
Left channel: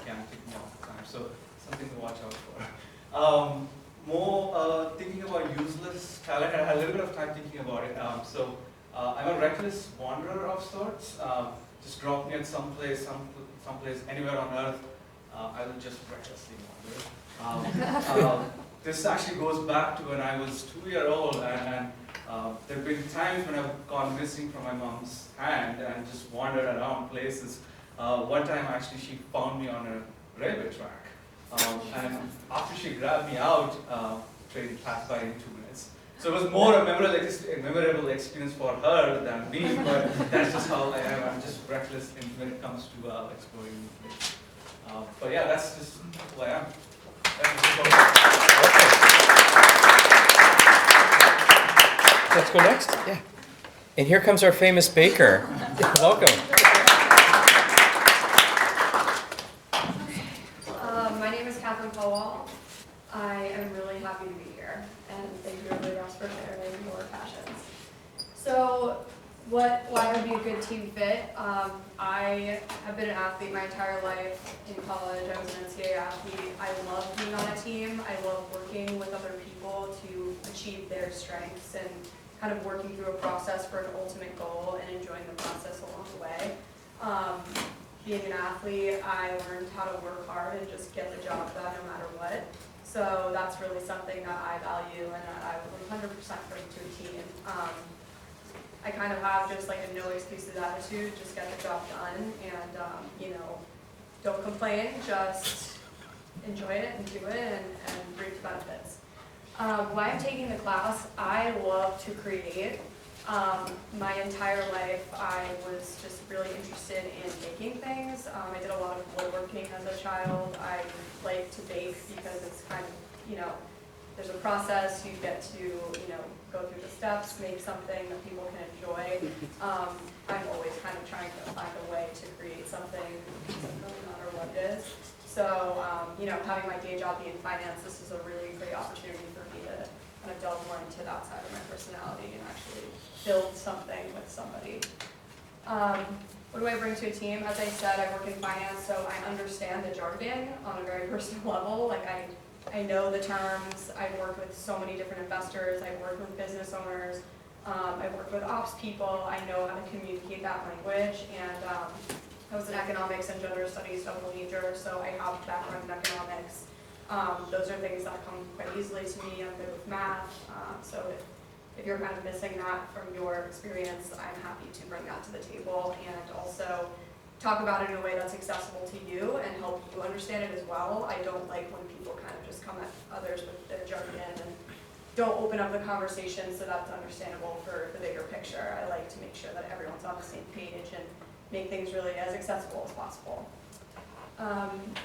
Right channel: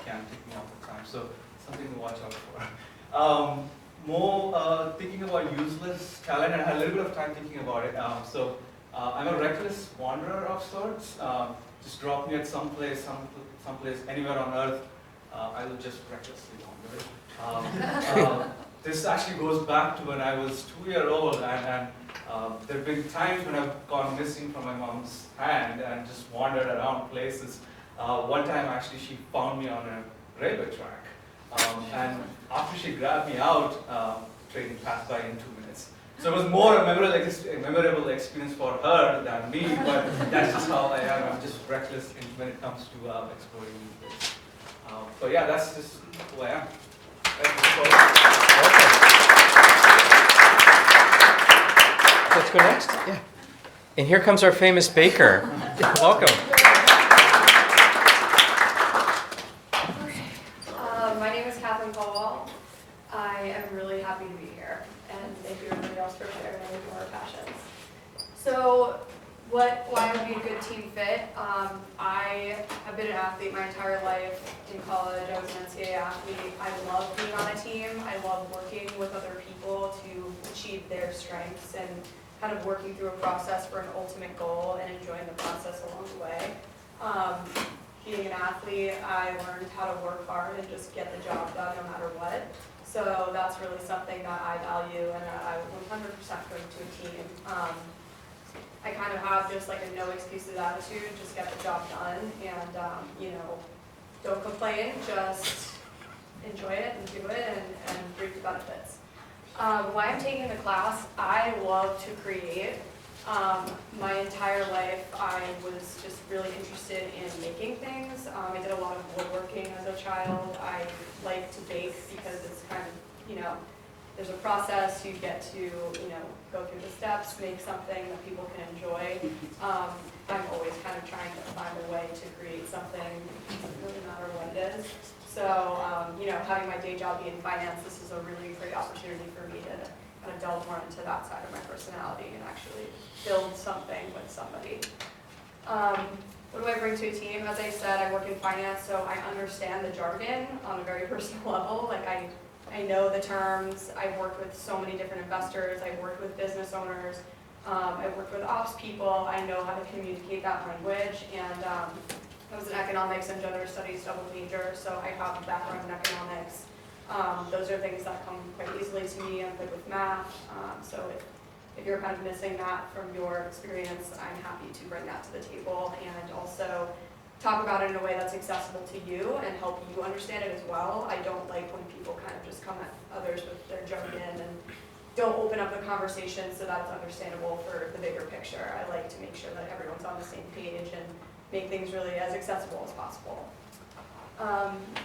can take me off the time. So something to watch out for. More thinking about useless talent, I had a little bit of time thinking about it. I'm a reckless wanderer of sorts. Just drop me at someplace anywhere on earth, I will just recklessly wander. This actually goes back to when I was 2-year-old, and there have been times when I've gone missing from my mom's hand and just wandered around places. One time actually she found me on a railway track, and after she grabbed me out, train passed by in 2 minutes. So it was more a memorable experience for her than me, but that's just how I am. I'm just reckless when it comes to exploring new places. But yeah, that's just who I am. Okay. Let's go next. Yeah. And here comes our famous baker. Welcome. My name is Catherine Powell. I am really happy to be here, and thank you everybody else for sharing your passions. So, why I would be a good team fit? I have been an athlete my entire life. In college, I was an NCAA athlete. I love being on a team. I love working with other people to achieve their strengths and kind of working through a process for an ultimate goal and enjoying the process along the way. Being an athlete, I learned how to work hard and just get the job done no matter what. So that's really something that I value and that I would 100% bring to a team. I kind of have just like a no excuses attitude, just get the job done and, don't complain, just enjoy it and do it and reap the benefits. Why I'm taking the class, I love to create. My entire life I was just really interested in making things. I did a lot of woodworking as a child. I like to bake because it's kind of, there's a process, you get to, go through the steps, make something that people can enjoy. I'm always kind of trying to find a way to create something, it doesn't really matter what it is. So, having my day job be in finance, this is a really great opportunity for me to kind of delve more into that side of my personality and actually build something with somebody. What do I bring to a team? As I said, I work in finance, so I understand the jargon on a very personal level. Like I know the terms. I've worked with so many different investors. I've worked with business owners. I've worked with ops people. I know how to communicate that language. And I was an economics and gender studies double major, so I have a background in economics. Those are things that come quite easily to me. I'm good with math, so if you're kind of missing that from your experience, I'm happy to bring that to the table and also talk about it in a way that's accessible to you and help you understand it as well. I don't like when people kind of just come at others with their jargon and don't open up the conversation so that it's understandable for the bigger picture. I like to make sure that everyone's on the same page and make things really as accessible as possible.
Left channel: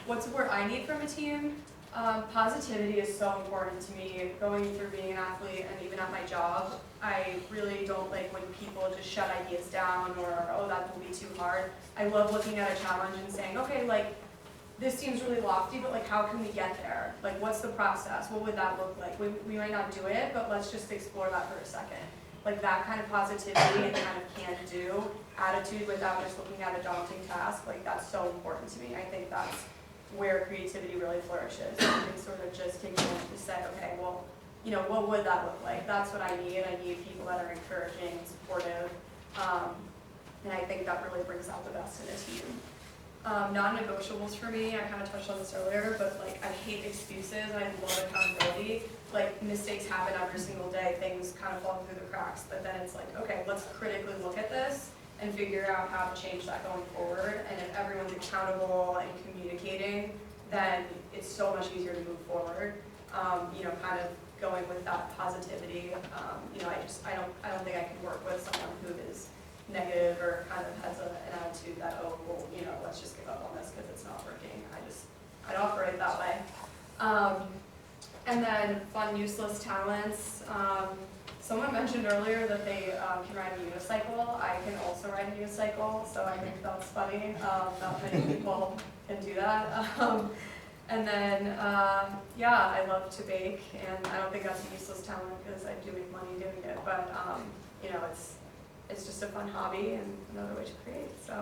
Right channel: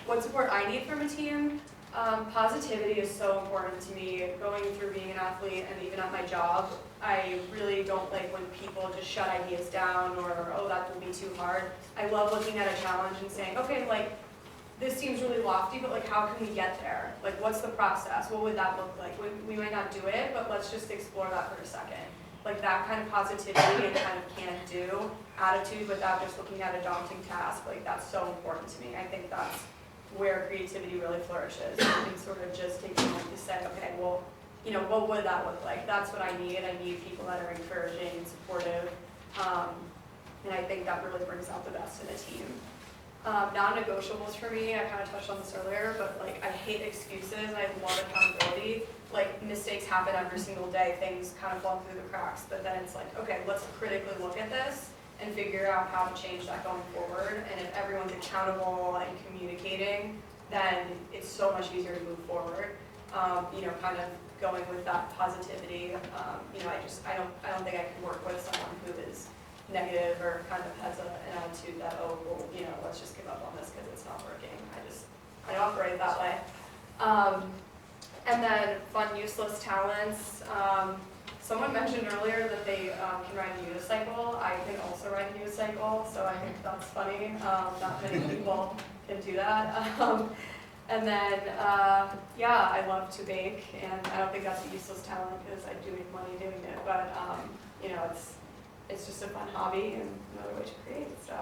What support I need from a team? Positivity is so important to me. Going through being an athlete and even at my job, I really don't like when people just shut ideas down or, oh, that will be too hard. I love looking at a challenge and saying, okay, like, this seems really lofty, but like, how can we get there? Like, what's the process? What would that look like? We might not do it, but let's just explore that for a second. Like that kind of positivity and kind of can-do attitude without just looking at a daunting task, like that's so important to me. I think that's where creativity really flourishes. You can sort of just take a moment to say, okay, well, you know, what would that look like? That's what I need. I need people that are encouraging and supportive. And I think that really brings out the best in a team. Non-negotiables for me, I kind of touched on this earlier, but like I hate excuses and I love accountability. Like mistakes happen every single day, things kind of fall through the cracks, but then it's like, okay, let's critically look at this and figure out how to change that going forward. And if everyone's accountable and communicating, then it's so much easier to move forward. You know, kind of going with that positivity. You know, I don't think I can work with someone who is negative or kind of has an attitude that, oh, well, you know, let's just give up on this because it's not working. I operate that way. And then fun, useless talents. Someone mentioned earlier that they can ride a unicycle. I can also ride a unicycle, so I think that's funny. Not many people can do that. And then, yeah, I love to bake, and I don't think that's a useless talent because I do make money doing it. But you know, it's just a fun hobby and another way to create. So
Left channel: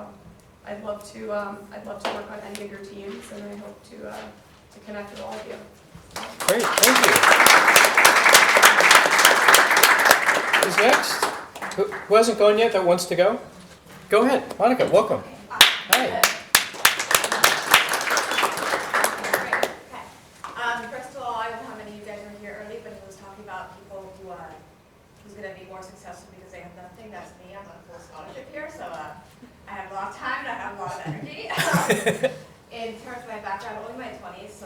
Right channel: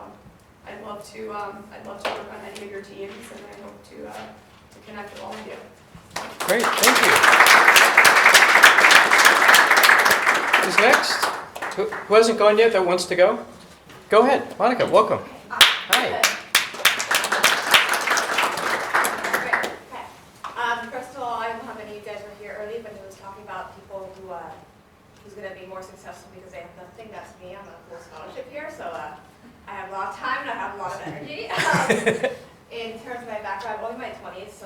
I'd love to work on any of your teams, and I hope to connect with all of you. Great, thank you. Who's next? Who hasn't gone yet that wants to go? Go ahead, Monica, welcome. Hi. First of all, I don't know how many of you guys were here early, but he was talking about people who's going to be more successful because they have nothing. That's me. I'm on a full scholarship here, so I have a lot of time and I have a lot of energy. In terms of my background, only my 20s,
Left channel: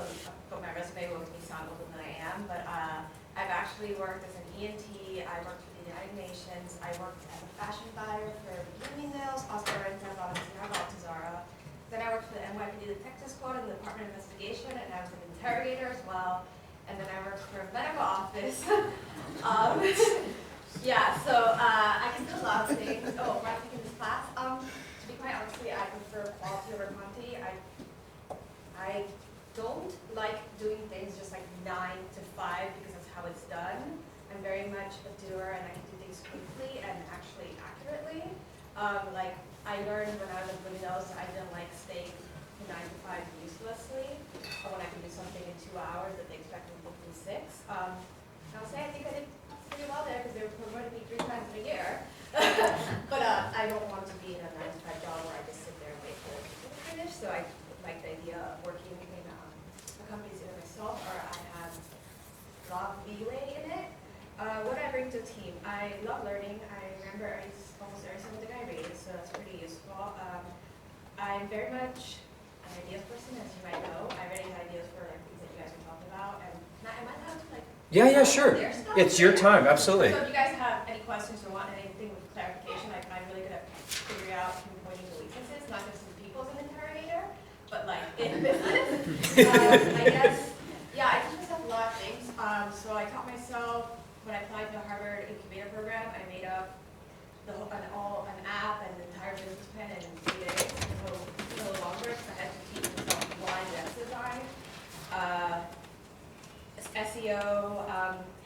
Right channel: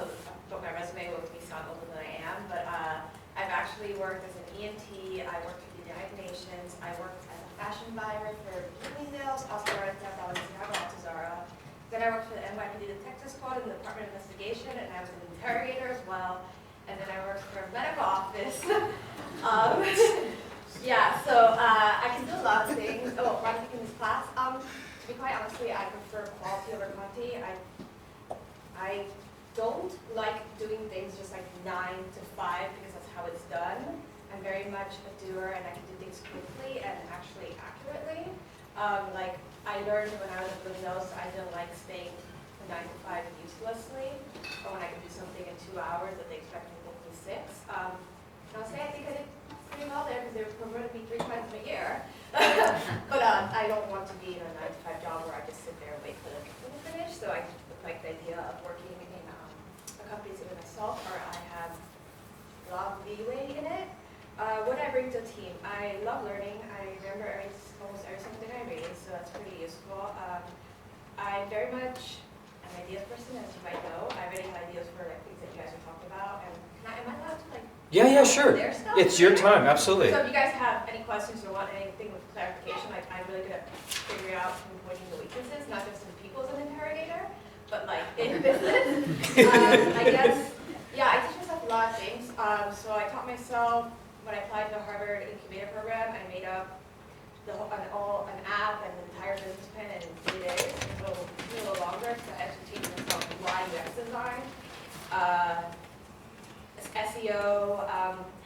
but my resume will make me sound older than I am. But I've actually worked as an ENT. I worked for the United Nations. I worked as a fashion buyer for Bloomingdale's, Osborne, Balenciaga, Zara. Then I worked for the NYPD Detective Squad in the Department of Investigation, and I was an interrogator as well. And then I worked for a medical office. Yeah, so I can do a lot of things. Oh, one thing in this class. To be quite honestly, I prefer quality over quantity. I don't like doing things just like 9 to 5 because that's how it's done. I'm very much a doer and I can do things quickly and actually accurately. Like I learned when I was at Bloomingdale's, I didn't like staying 9 to 5 uselessly, or when I could do something in 2 hours that they expect me to do in 6. And I'll say I think I did pretty well there because they were promoted me 3 times in a year. But I don't want to be in a 9 to 5 job where I just sit there and wait for the people to finish. So I like the idea of working in a company either myself or I have a lot of leeway in it. What I bring to a team, I love learning. I remember almost every single thing I read, so that's pretty useful. I'm very much an ideas person, as you might know. I already have ideas for like things that you guys are talking about. And am I allowed to like? Yeah, sure. Their stuff It's your later? time, absolutely. So if you guys have any questions or want anything with clarification, like I'm really good at figuring out pinpointing the weaknesses, not just in people as an interrogator, but like in business. I guess, yeah, I teach myself a lot of things. So I taught myself, when I applied to the Harvard Incubator Program, I made up an app and an entire business plan in 3 days. A little longer, because I had to teach myself why UX design. SEO.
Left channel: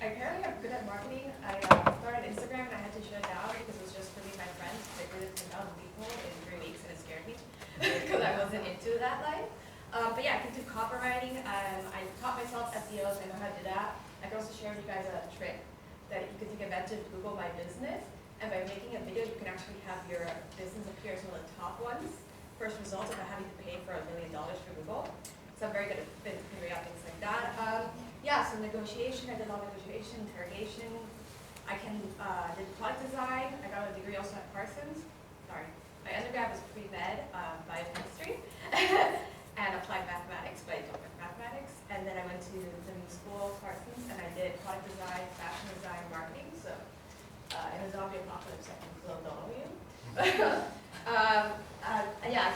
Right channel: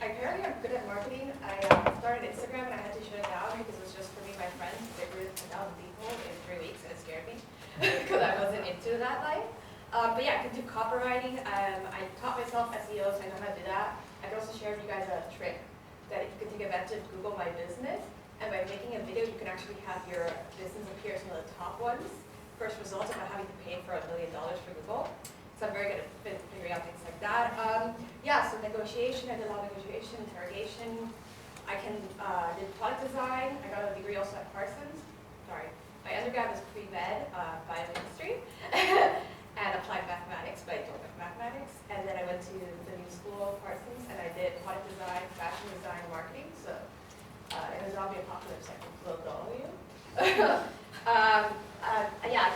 Apparently I'm good at marketing. I started Instagram and I had to shut it down because it was just for me and my friends. They grew 10,000 people in 3 weeks and it scared me because I wasn't into that life. But yeah, I can do copywriting. I taught myself SEO, so I know how to do that. I can also share with you guys a trick that you can take advantage of Google My Business. And by making a video, you can actually have your business appear as one of the top ones. First results without having to pay for $1 million for Google. So I'm very good at figuring out things like that. Yeah, so negotiation, I did a lot of negotiation, interrogation. I did product design. I got a degree also at Parsons. Sorry, my undergrad was pre-med, biochemistry, and applied mathematics, but I don't like mathematics. And then I went to the new school, Parsons, and I did product design, fashion design, marketing. So in a zombie apocalypse, I can clone all of you. Yeah,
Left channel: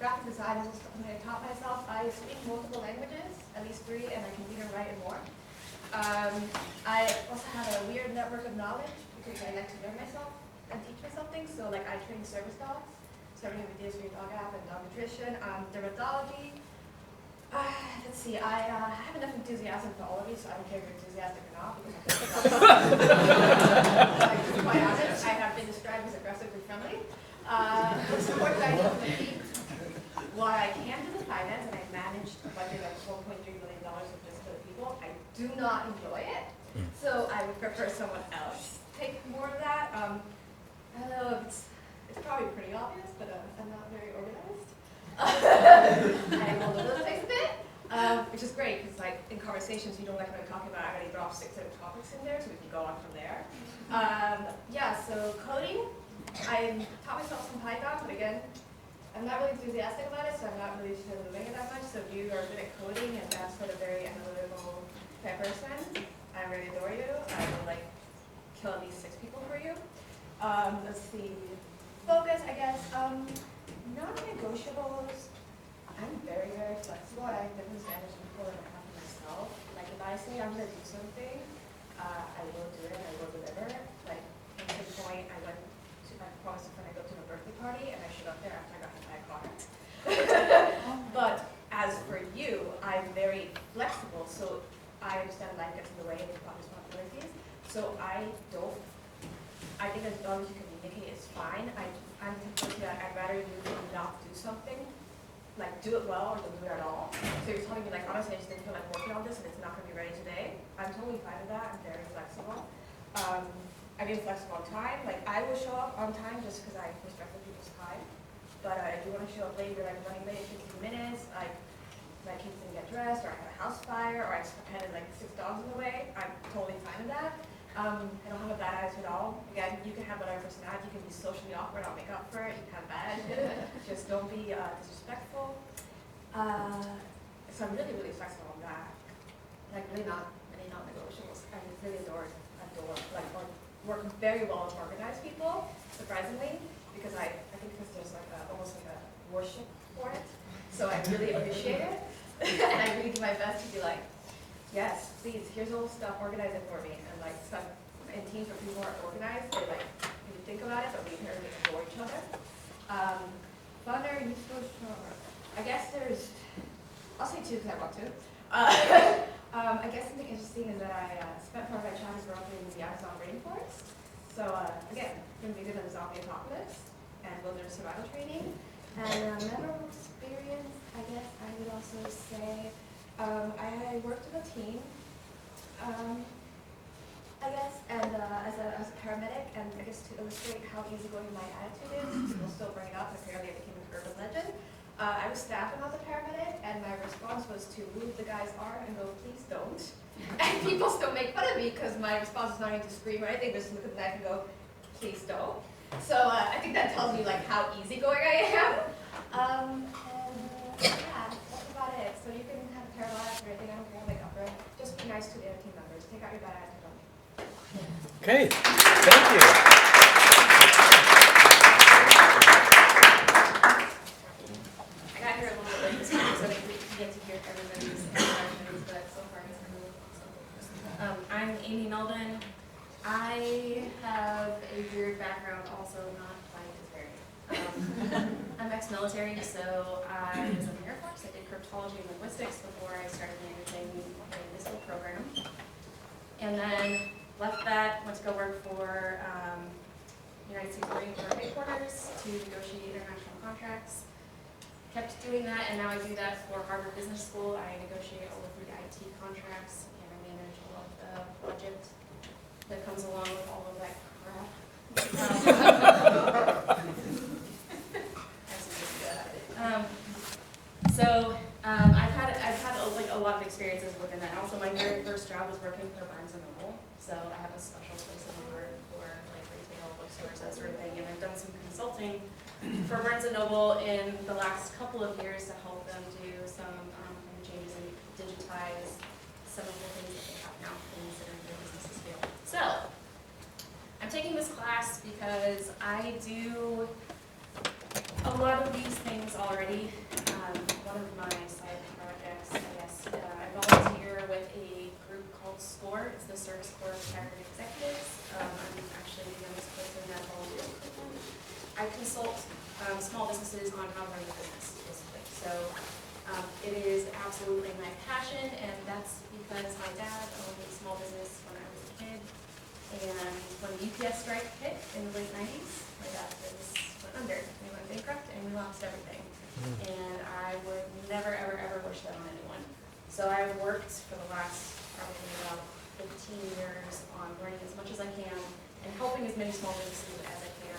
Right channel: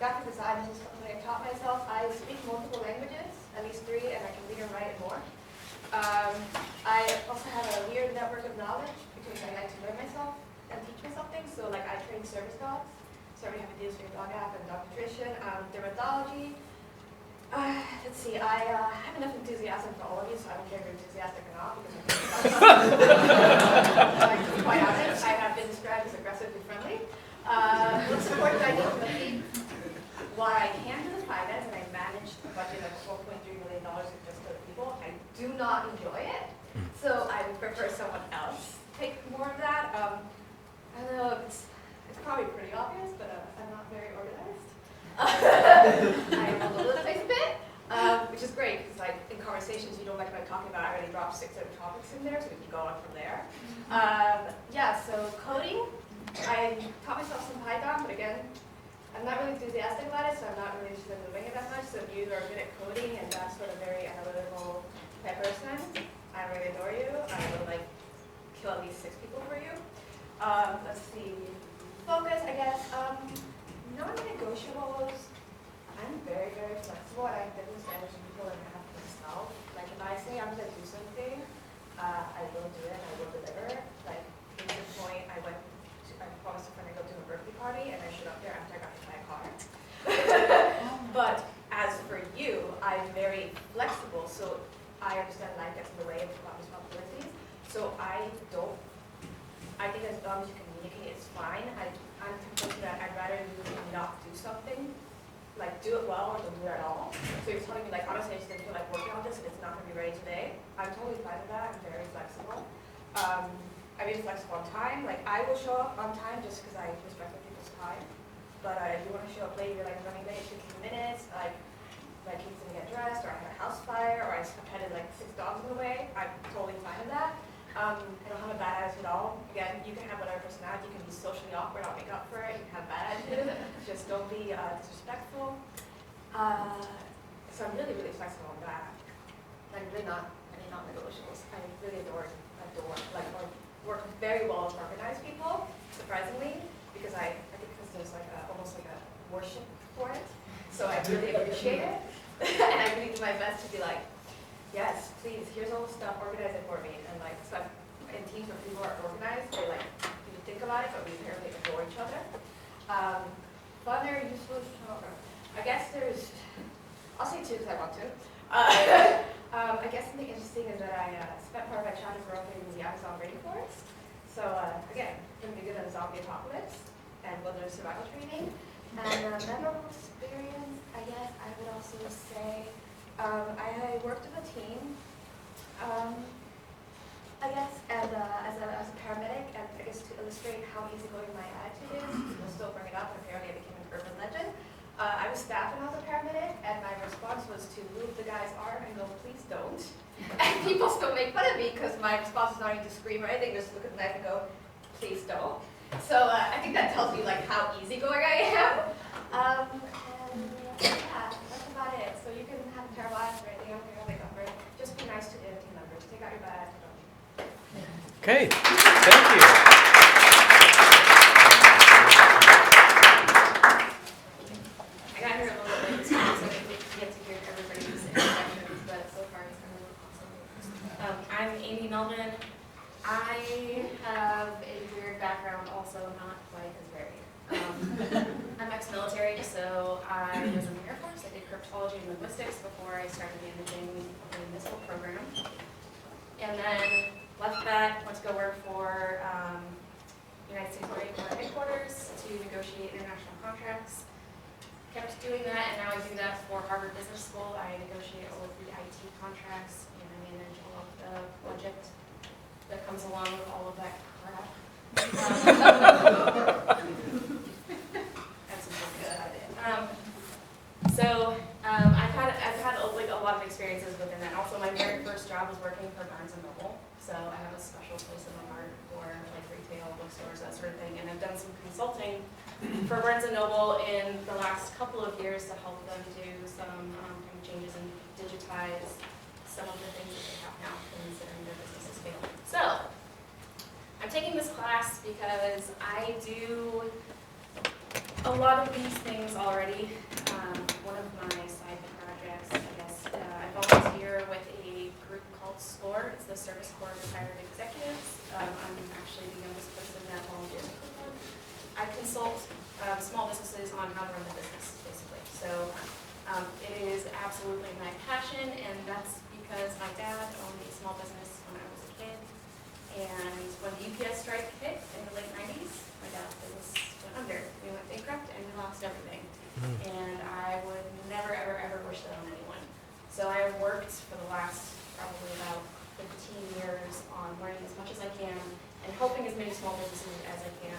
graphic design is something I taught myself. I speak multiple languages, at least 3, and I can read and write and more. I also have a weird network of knowledge because I like to learn myself and teach myself things. So like I train service dogs, so we have videos for your dog app and dog nutrition, dermatology. Let's see, I have enough enthusiasm for all of you, so I don't care if you're enthusiastic or not, because I think like, to be quite honest, I have been described as aggressively friendly. What support do I need from the team? While I can do the finance, and I managed a budget of $4.3 million with just other people, I do not enjoy it. So I would prefer someone else take more of that. I don't know, it's probably pretty obvious, but I'm not very organized. I am all over the place a bit, which is great, because like in conversations you know what I'm talking about. I already dropped 6 other topics in there, so we can go on from there. Yeah, so coding, I taught myself some Python, but again, I'm not really enthusiastic about it, so I'm not really interested in doing it that much. So if you are good at coding and that sort of very analytical type person, I really adore you. I will like kill at least 6 people for you. Let's see. Focus, I guess. Non-negotiables. I'm very, very flexible, and I have different standards for people than I have for myself. Like if I say I'm gonna do something, I will do it and I will deliver. Like case in point, I promised a friend I'd go to a birthday party, and I showed up there after I got hit by a car. But as for you, I'm very flexible, so I understand life gets in the way of responsibilities. So I think as long as you communicate, it's fine. I'm the person that I'd rather you not do something, like do it well or don't do it at all. So you're telling me like, honestly, I just didn't feel like working on this and it's not gonna be ready today. I'm totally fine with that. I'm very flexible. I'm being flexible on time. Like I will show up on time just because I respect other people's time. But if you want to show up late, you're like running late 15 minutes, like my kids didn't get dressed, or I had a house fire, or I had like 6 dogs in the way, I'm totally fine with that. I don't have a bad attitude at all. Again, you can have whatever personality. You can be socially awkward. I'll make up for it. You can have a bad attitude. Just don't be disrespectful. So I'm really, really flexible on that. Like really not any non-negotiables. I really adore like work very well with organized people, surprisingly, because I think because there's like almost like a worship for it. So I really appreciate it. And I really do my best to be like, yes, please, here's all the stuff, organize it for me. And like some in teams where people are organized, they like you think about it, but we apparently adore each other. Funner, useful, genre. I guess I'll say 2 because I want to. I guess the thing interesting is that I spent part of my childhood growing up in the Amazon rainforest. So again, going to be good at the zombie apocalypse and wilderness survival training. And memorable experience, I guess I would also say I worked with a team, I guess, and as a paramedic, and I guess to illustrate how easygoing my attitude is, people still bring it up, and apparently I became an urban legend. I was staffing as a paramedic, and my response was to move the guy's arm and go, please don't. And people still make fun of me because my response is not even to scream or anything, just look at the knife and go, please don't. So I think that tells you like how easygoing I am. And yeah, that's about it. So you can have a terrible attitude or anything, I don't care, I'll make up for it. Just be nice to the other team members. Take out your bad attitude only. Okay, thank you. I got here a little bit late, so I didn't get to hear everybody's introductions, but so far it's been really awesome. I'm Amy Melvin. I have a weird background, also not quite as varied. I'm ex-military, so I was in the Air Force. I did cryptology and linguistics before I started managing the missile program. And then left that, went to go work for United States Marine Corps headquarters to negotiate international contracts. Kept doing that, and now I do that for Harvard Business School. I negotiate all of the IT contracts, and I manage all of the budget that comes along with all of that crap. I've had like a lot of experiences within that. Also, my very first job was working for Barnes & Noble. So I have a special place in my heart for like retail, bookstores, that sort of thing. And I've done some consulting for Barnes & Noble in the last couple of years to help them do some kind of changes and digitize some of the things that they have now, considering their business is failing. So I'm taking this class because I do a lot of these things already. One of my side projects, I guess, I volunteer with a group called SCORE. It's the Service Corps of Retired Executives. I'm actually the youngest person that volunteers with them. I consult small businesses on how to run the business, basically. So it is absolutely my passion, and that's because my dad owned a small business when I was a kid. And when the UPS strike hit in the late 90s, my dad's business went under. We went bankrupt and we lost everything. And I would never, ever, ever wish that on anyone. So I worked for the last probably about 15 years on learning as much as I can and helping as many small businesses as I can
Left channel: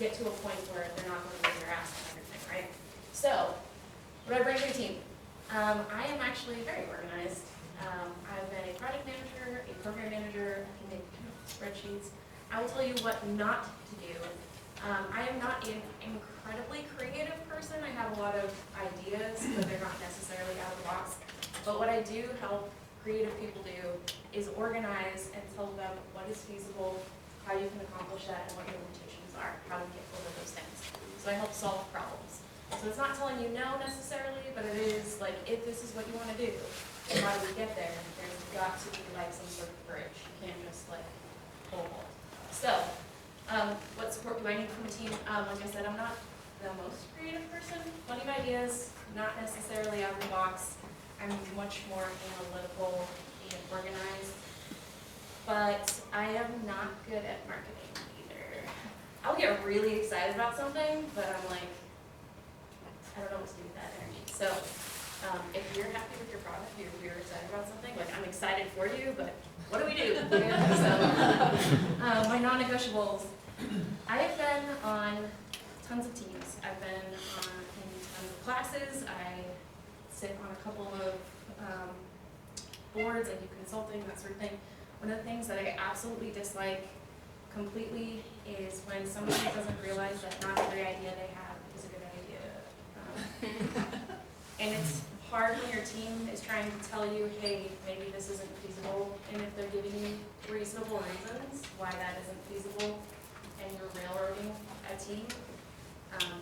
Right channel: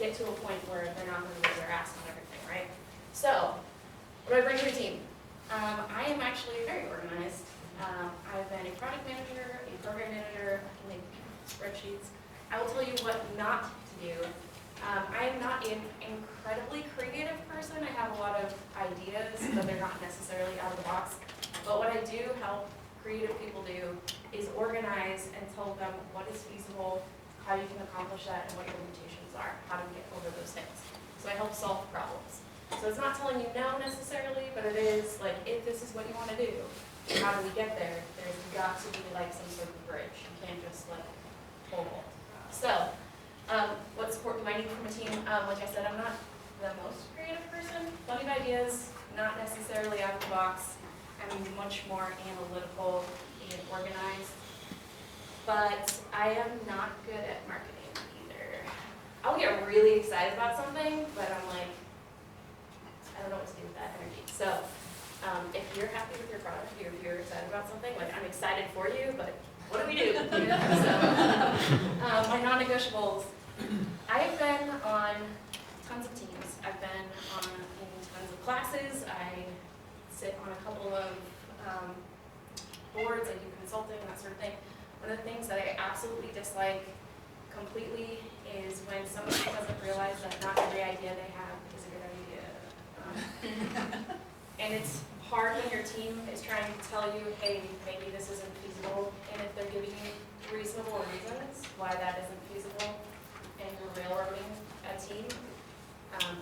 get to a point where they're not going to raise their ass and everything, right? So, what do I bring to a team? I am actually very organized. I've been a project manager, a program manager. I can make spreadsheets. I will tell you what not to do. I am not an incredibly creative person. I have a lot of ideas, but they're not necessarily out of the box. But what I do help creative people do is organize and tell them what is feasible, how you can accomplish that, and what your limitations are, how to get over those things. So I help solve problems. So it's not telling you no necessarily, but it is like, if this is what you want to do, how do we get there? There's got to be like some sort of bridge. You can't just like pole vault. So, what support do I need from a team? Like I said, I'm not the most creative person. Plenty of ideas, not necessarily out of the box. I'm much more analytical and organized. But I am not good at marketing either. I'll get really excited about something, but I'm like, I don't know what to do with that energy. So, if you're happy with your product, if you're excited about something, like I'm excited for you, but what do we do? So, my non-negotiables. I have been on tons of teams. I've been in tons of classes. I sit on a couple of boards. I do consulting, that sort of thing. One of the things that I absolutely dislike completely is when somebody doesn't realize that not every idea they have is a good idea. And it's hard when your team is trying to tell you, hey, maybe this isn't feasible, and if they're giving you reasonable reasons why that isn't feasible, and you're railroading a team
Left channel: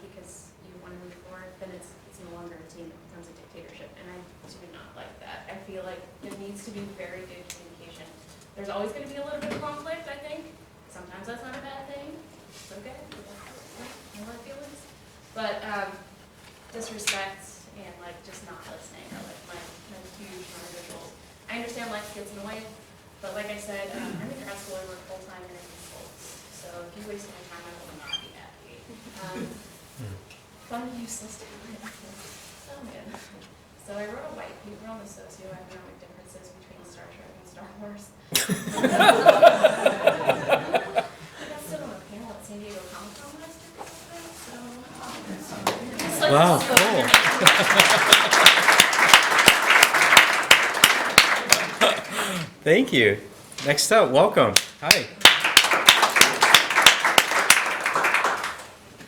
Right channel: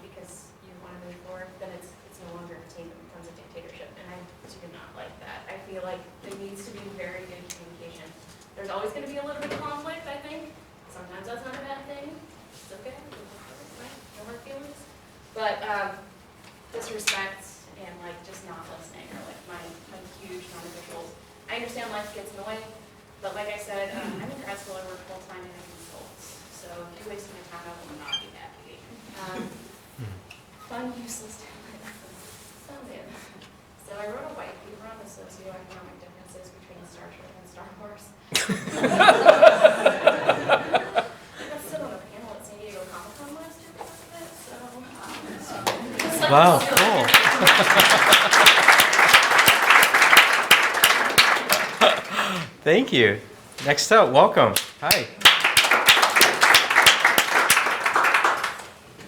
because you want to move forward, then it's no longer a team, it becomes a dictatorship, and I do not like that. I feel like there needs to be very good communication. There's always going to be a little bit of conflict, I think. Sometimes that's not a bad thing. It's okay. No hard feelings. But disrespect and like just not listening are like my huge non-negotiables. I understand life gets in the way, but like I said, I'm in grad school, I work full-time and I consult. So if you waste my time, I will not be happy. Fun, useless talent. Oh man. So I wrote a white paper on the socioeconomic differences between Star Trek and Star Wars. I got to sit on a panel at San Diego Comic-Con last year because of it, so just like Wow, cool. Thank you. Next up, welcome. Hi.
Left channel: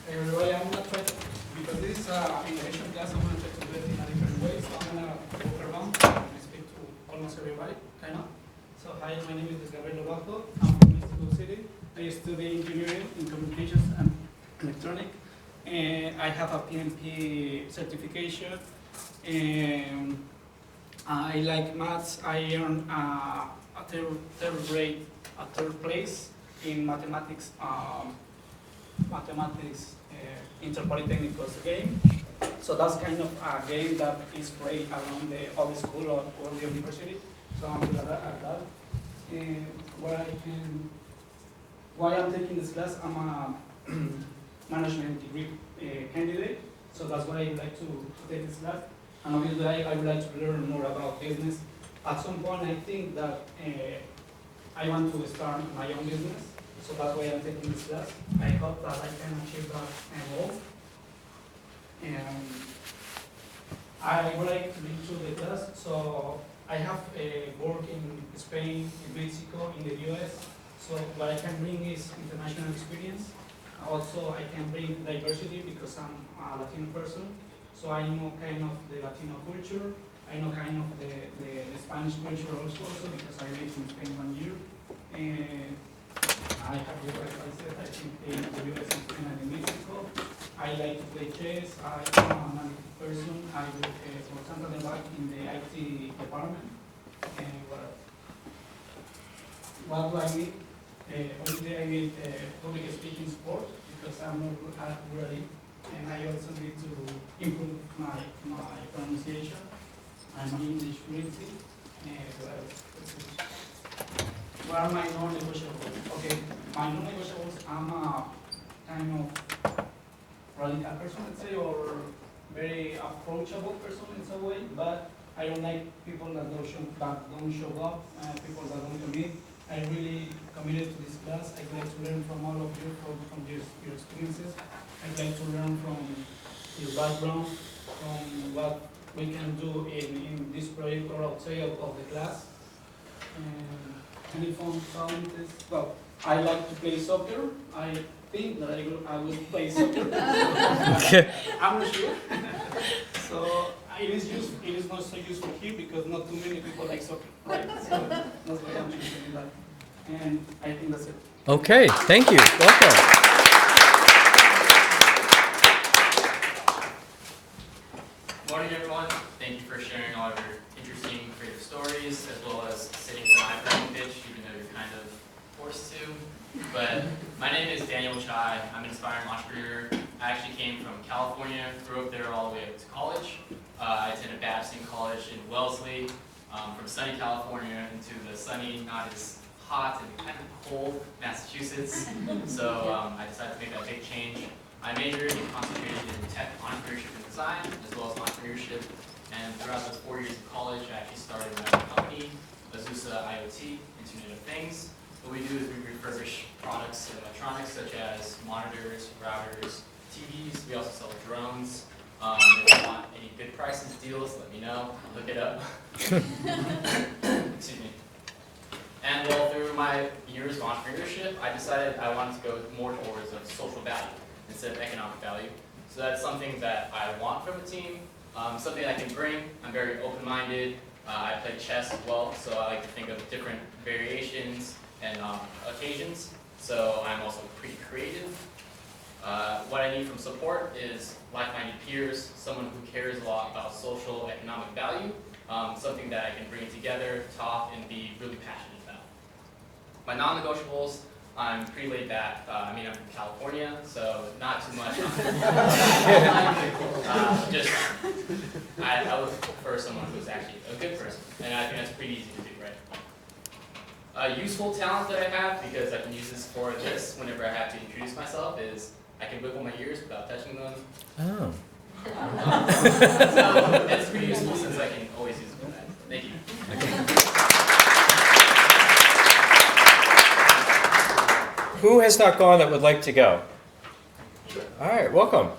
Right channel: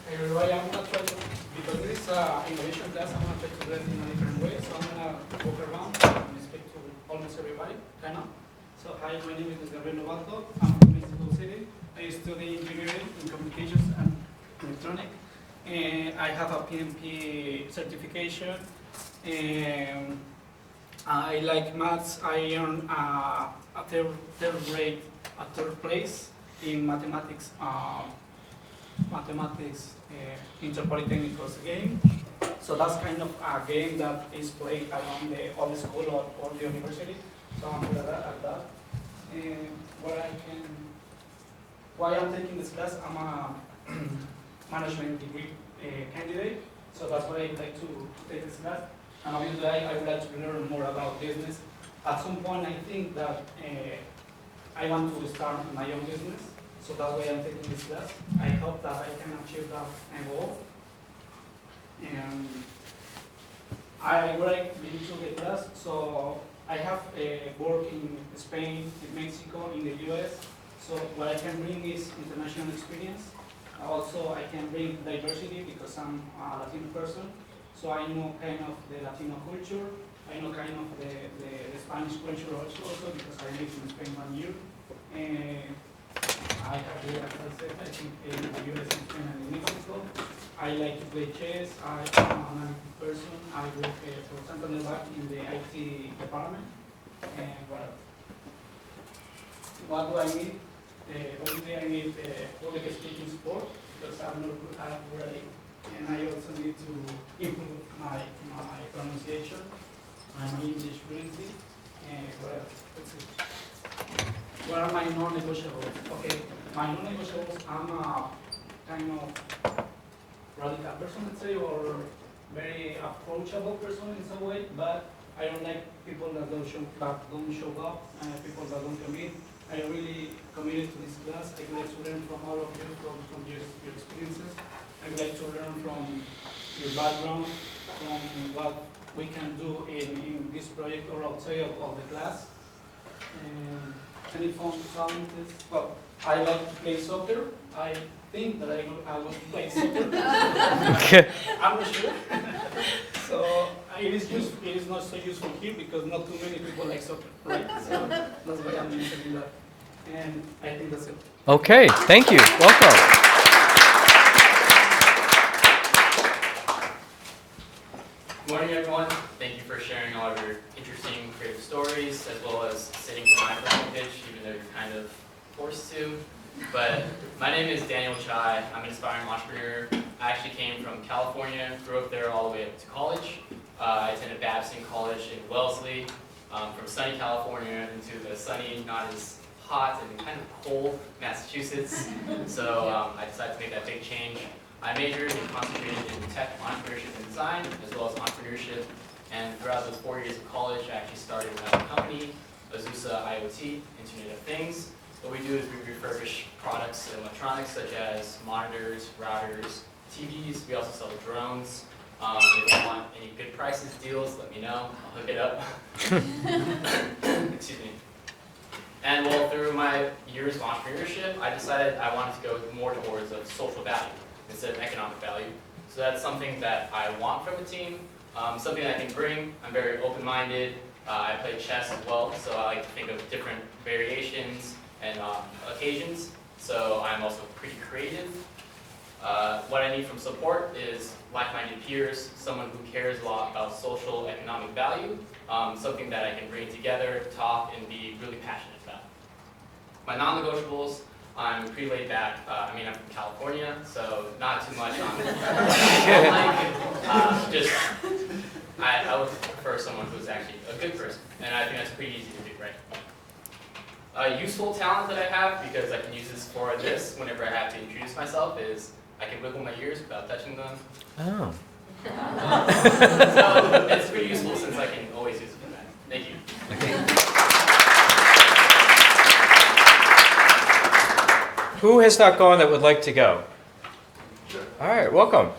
Hey everybody, I'm gonna try to, because this is an innovation class, I'm gonna try to do it in a different way. So I'm gonna walk around and speak to almost everybody, kind of. So hi, my name is Gabriel Novato. I'm from Mexico City. I study engineering in communications and electronic. And I have a PMP certification. And I like maths. I earned a third place in mathematics. Interpolytechnicals game. So that's kind of a game that is played around all school or all the university. So I'm good at that. And why I'm taking this class, I'm a management degree candidate. So that's why I like to take this class. And obviously I would like to learn more about business. At some point I think that I want to start my own business. So that's why I'm taking this class. I hope that I can achieve that goal. And I would like to lead to the class. So I have worked in Spain, in Mexico, in the US. So what I can bring is international experience. Also, I can bring diversity because I'm a Latino person. So I know kind of the Latino culture. I know kind of the Spanish culture also because I lived in Spain 1 year. And I have lived, like I said, I think in the US, in Spain, and in Mexico. I like to play chess. I'm an analytic person. I work for Santander Bank in the IT department. And what do I need? Obviously, I need public speaking support because I'm not good at writing. And I also need to improve my pronunciation and my English fluency. And what else? Let's see. What are my non-negotiables? Okay, my non-negotiables, I'm a kind of radical person, let's say, or very approachable person in some way, but I don't like people that don't show up, people that don't commit. I really committed to this class. I'd like to learn from all of you, from your experiences. I'd like to learn from your background, from what we can do in this project or outside of the class. And any fun challenges? Well, I like to play soccer. I think that I will play soccer. Okay. I'm not sure. So it is not so useful here because not too many people like soccer, right? So that's why I'm mentioning that. And I think that's it. Okay, thank you. Welcome. Good morning, everyone. Thank you for sharing all of your interesting creative stories, as well as sitting for my personal pitch, even though you're kind of forced to. But my name is Daniel Chai. I'm an aspiring entrepreneur. I actually came from California, grew up there all the way up to college. I attended Babson College in Wellesley, from sunny California into the sunny, not as hot and kind of cold Massachusetts. So I decided to make that big change. I majored and concentrated in tech, entrepreneurship, and design, as well as entrepreneurship. And throughout those 4 years of college, I actually started my own company, Azusa IoT, Internet of Things. What we do is we refurbish products and electronics such as monitors, routers, TVs. We also sell drones. If you want any good prices, deals, let me know. I'll hook it up. Excuse me. And well, through my years of entrepreneurship, I decided I wanted to go more towards a social value instead of economic value. So that's something that I want from a team, something I can bring. I'm very open-minded. I play chess as well, so I like to think of different variations and occasions. So I'm also pretty creative. What I need from support is like-minded peers, someone who cares a lot about social economic value, something that I can bring together, talk, and be really passionate about. My non-negotiables, I'm pretty laid back. I'm from California, so not too much on I would prefer someone who's actually a good person, and I think that's pretty easy to do, right? A useful talent that I have, because I can use this for this whenever I have to introduce myself, is I can wiggle my ears without touching them. Oh. So it's pretty useful since I can always use it for that. Thank you. Okay. Who has not gone that would like to go? All right, welcome.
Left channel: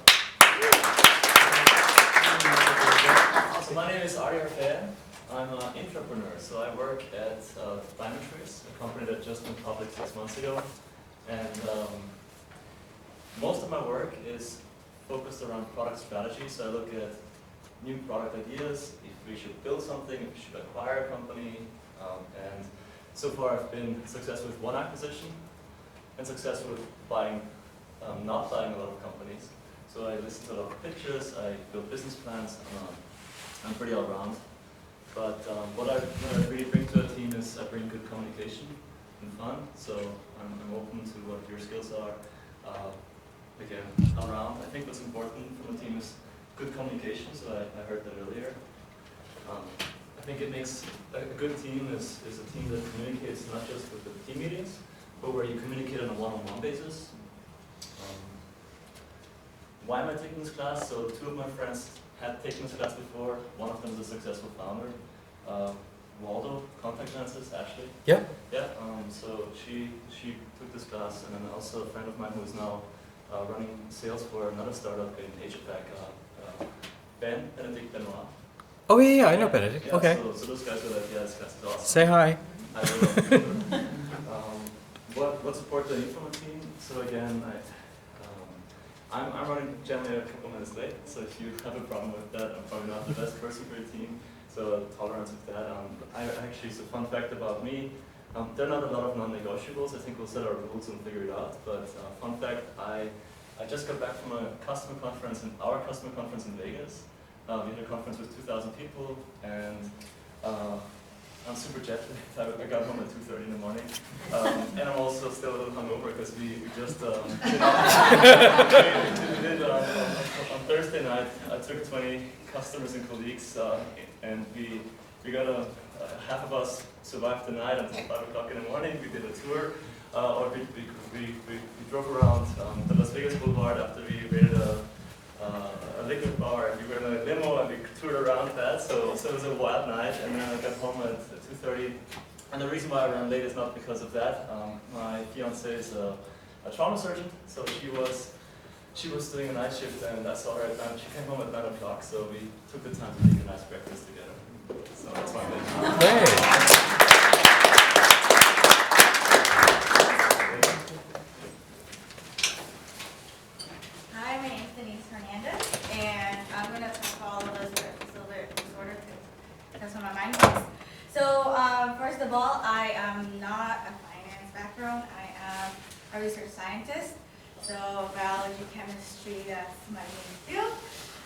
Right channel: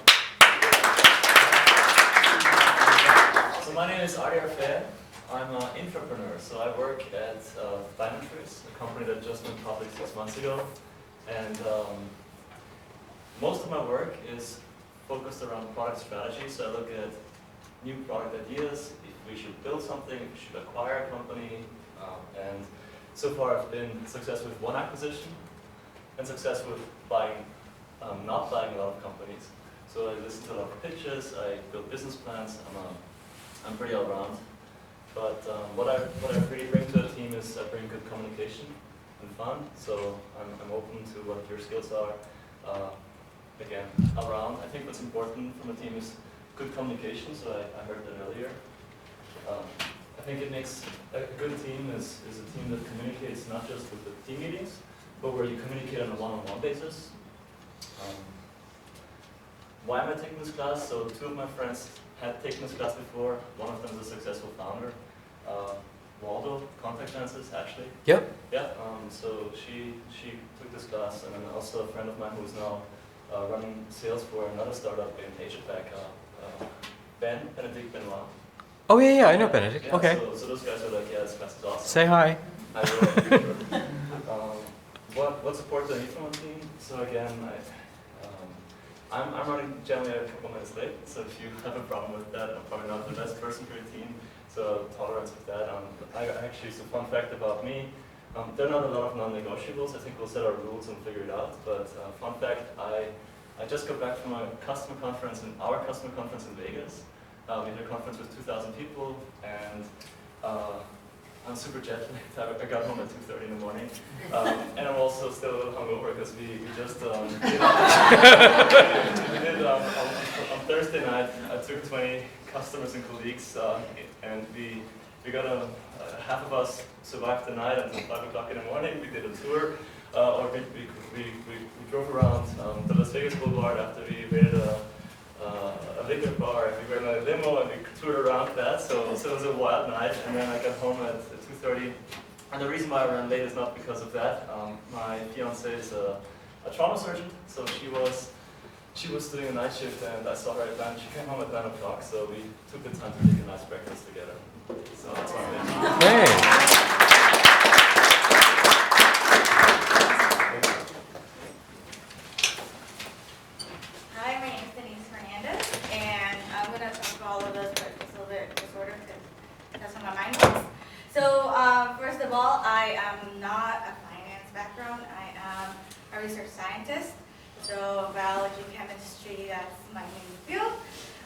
So my name is Ari Arfea. I'm an entrepreneur, so I work at Diamond Trees, a company that just went public 6 months ago. And most of my work is focused around product strategy. So I look at new product ideas, if we should build something, if we should acquire a company. And so far I've been successful with one acquisition and successful with not buying a lot of companies. So I listen to a lot of pitches, I build business plans, I'm pretty all around. But what I really bring to a team is I bring good communication and fun. So I'm open to what your skills are. Again, around. I think what's important from a team is good communication. So I heard that earlier. I think it makes a good team is a team that communicates not just with the team meetings, but where you communicate on a one-on-one basis. Why am I taking this class? So two of my friends had taken this class before. One of them is a successful founder. Waldo, contact lenses, Ashley. Yep. Yeah. So she took this class, and then also a friend of mine who is now running sales for another startup in Asia Pac, Benedict Benoit. Oh yeah, I know Benedict. Yeah, Okay. so those guys were like, yeah, this class is awesome. Say hi. I will. What support do I need from a team? So again, I'm running generally a couple minutes late, so if you have a problem with that, I'm probably not the best person for your team, so tolerance with that. So fun fact about me, there are not a lot of non-negotiables. I think we'll set our rules and figure it out, but fun fact, I just got back from a customer conference, our customer conference in Vegas. We had a conference with 2,000 people, and I'm super jet lagged. I got home at 2:30 in the morning, and I'm also still a little hungover because we just on Thursday night. I took 20 customers and colleagues, and we got half of us survived the night until 5 o'clock in the morning. We did a tour, or we drove around the Las Vegas Boulevard after we raided a liquor bar, and we were in a limo and we toured around that, so it was a wild night, and then I got home at 2:30, and the reason why I ran late is not because of that. My fiance is a trauma surgeon, so she was doing a night shift, and I saw her at 9, she came home at 9 o'clock, so we took the time to take a nice breakfast together. So that's why I'm late. Great. Hi, my name is Denise Hernandez, and I'm going to talk about all of those, but it's a little bit disordered because that's where my mind goes. So, first of all, I am not a finance background. I am a research scientist. So, biology, chemistry, that's my main field.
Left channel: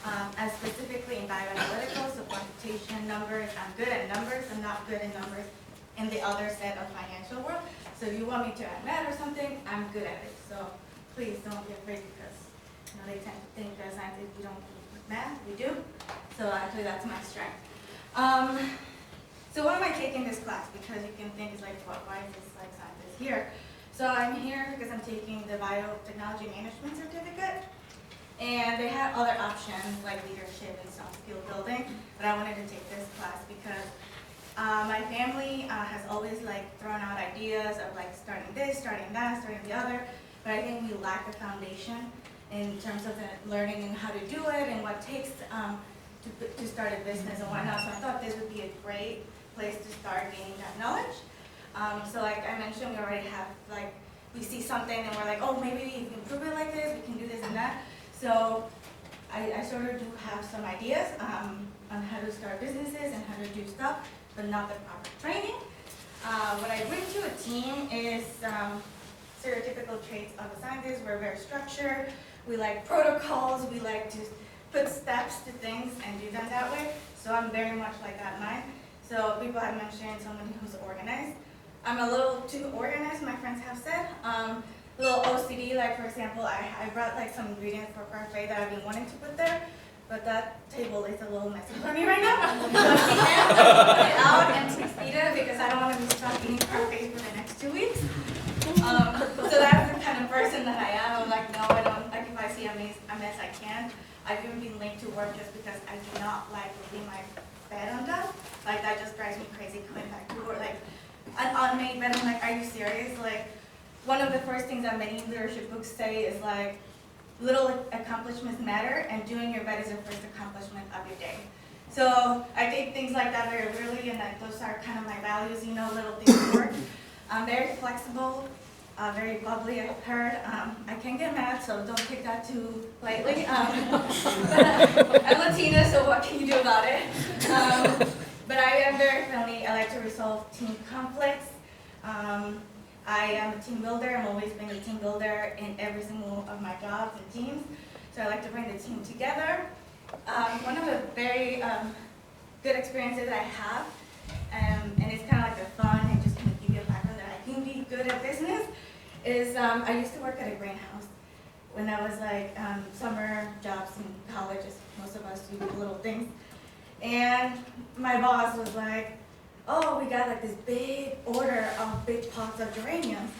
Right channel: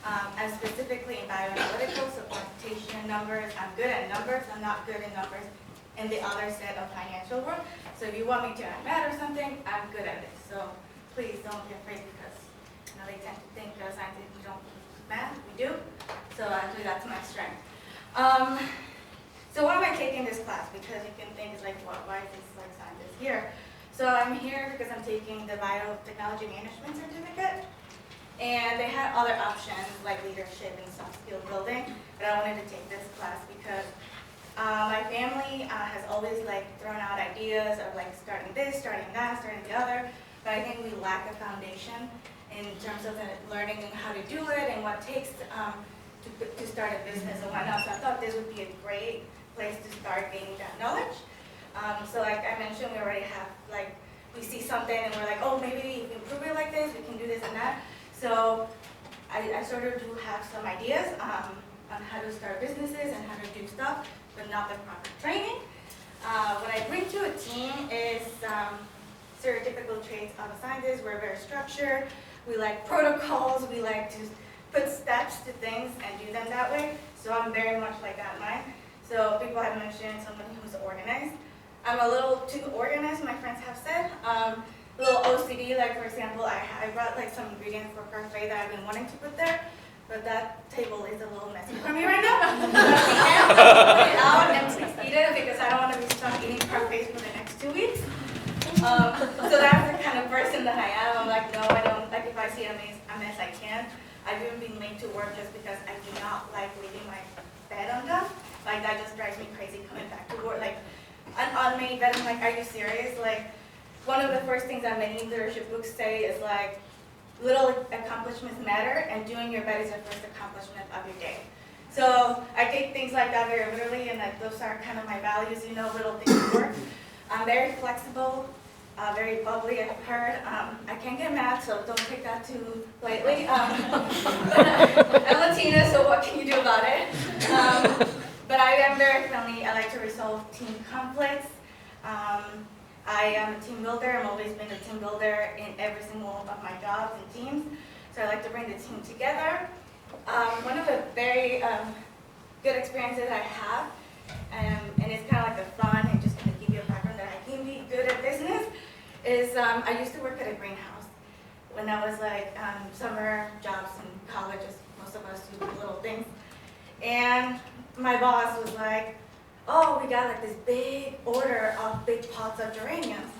I'm specifically in bioanalytical, so quantitation, numbers. I'm good at numbers. I'm not good in numbers in the other set of financial world. So, if you want me to add math or something, I'm good at it. So, please don't be afraid because they tend to think that scientists, we don't do math, we do. So actually that's my strength. So why am I taking this class? Because you can think it's like, why is this like scientist here? So I'm here because I'm taking the biotechnology management certificate. And they had other options like leadership and soft skill building, but I wanted to take this class because my family has always like thrown out ideas of like starting this, starting that, starting the other, but I think we lack a foundation in terms of learning how to do it and what it takes to start a business and whatnot. So I thought this would be a great place to start gaining that knowledge. So like I mentioned, we already have like, we see something and we're like, oh, maybe if we improve it like this, we can do this and that. So I sort of do have some ideas on how to start businesses and how to do stuff, but not the proper training. What I bring to a team is stereotypical traits of a scientist. We're very structured. We like protocols. We like to put steps to things and do them that way. So I'm very much like that in mine. So people have mentioned someone who's organized. I'm a little too organized, my friends have said. A little OCD, like for example, I brought like some ingredients for parfait that I've been wanting to put there, but that table is a little messy for me right now. So at the end, I'll put it out and eat it because I don't want to be stuck eating parfaits for the next 2 weeks. So that's the kind of person that I am. I'm like, no, I don't, like if I see a mess, I can. I've even been late to work just because I do not like leaving my bed undone. Like that just drives me crazy coming back to work. Like an unmade bed, I'm like, are you serious? Like one of the first things that many leadership books say is like, little accomplishments matter and doing your bed is the first accomplishment of your day. So I take things like that very literally and that those are kind of my values, you know, little things work. I'm very flexible. Very bubbly, I've heard. I can get mad, so don't take that too lightly. I'm Latina, so what can you do about it? But I am very friendly. I like to resolve team conflicts. I am a team builder. I've always been a team builder in every single of my jobs and teams. So I like to bring the team together. One of the very good experiences I have, and it's kind of like the fun and just kind of give you a background that I can be good at business, is I used to work at a greenhouse when I was like summer jobs in college, as most of us do little things. And my boss was like, oh, we got like this big order of big pots of geraniums,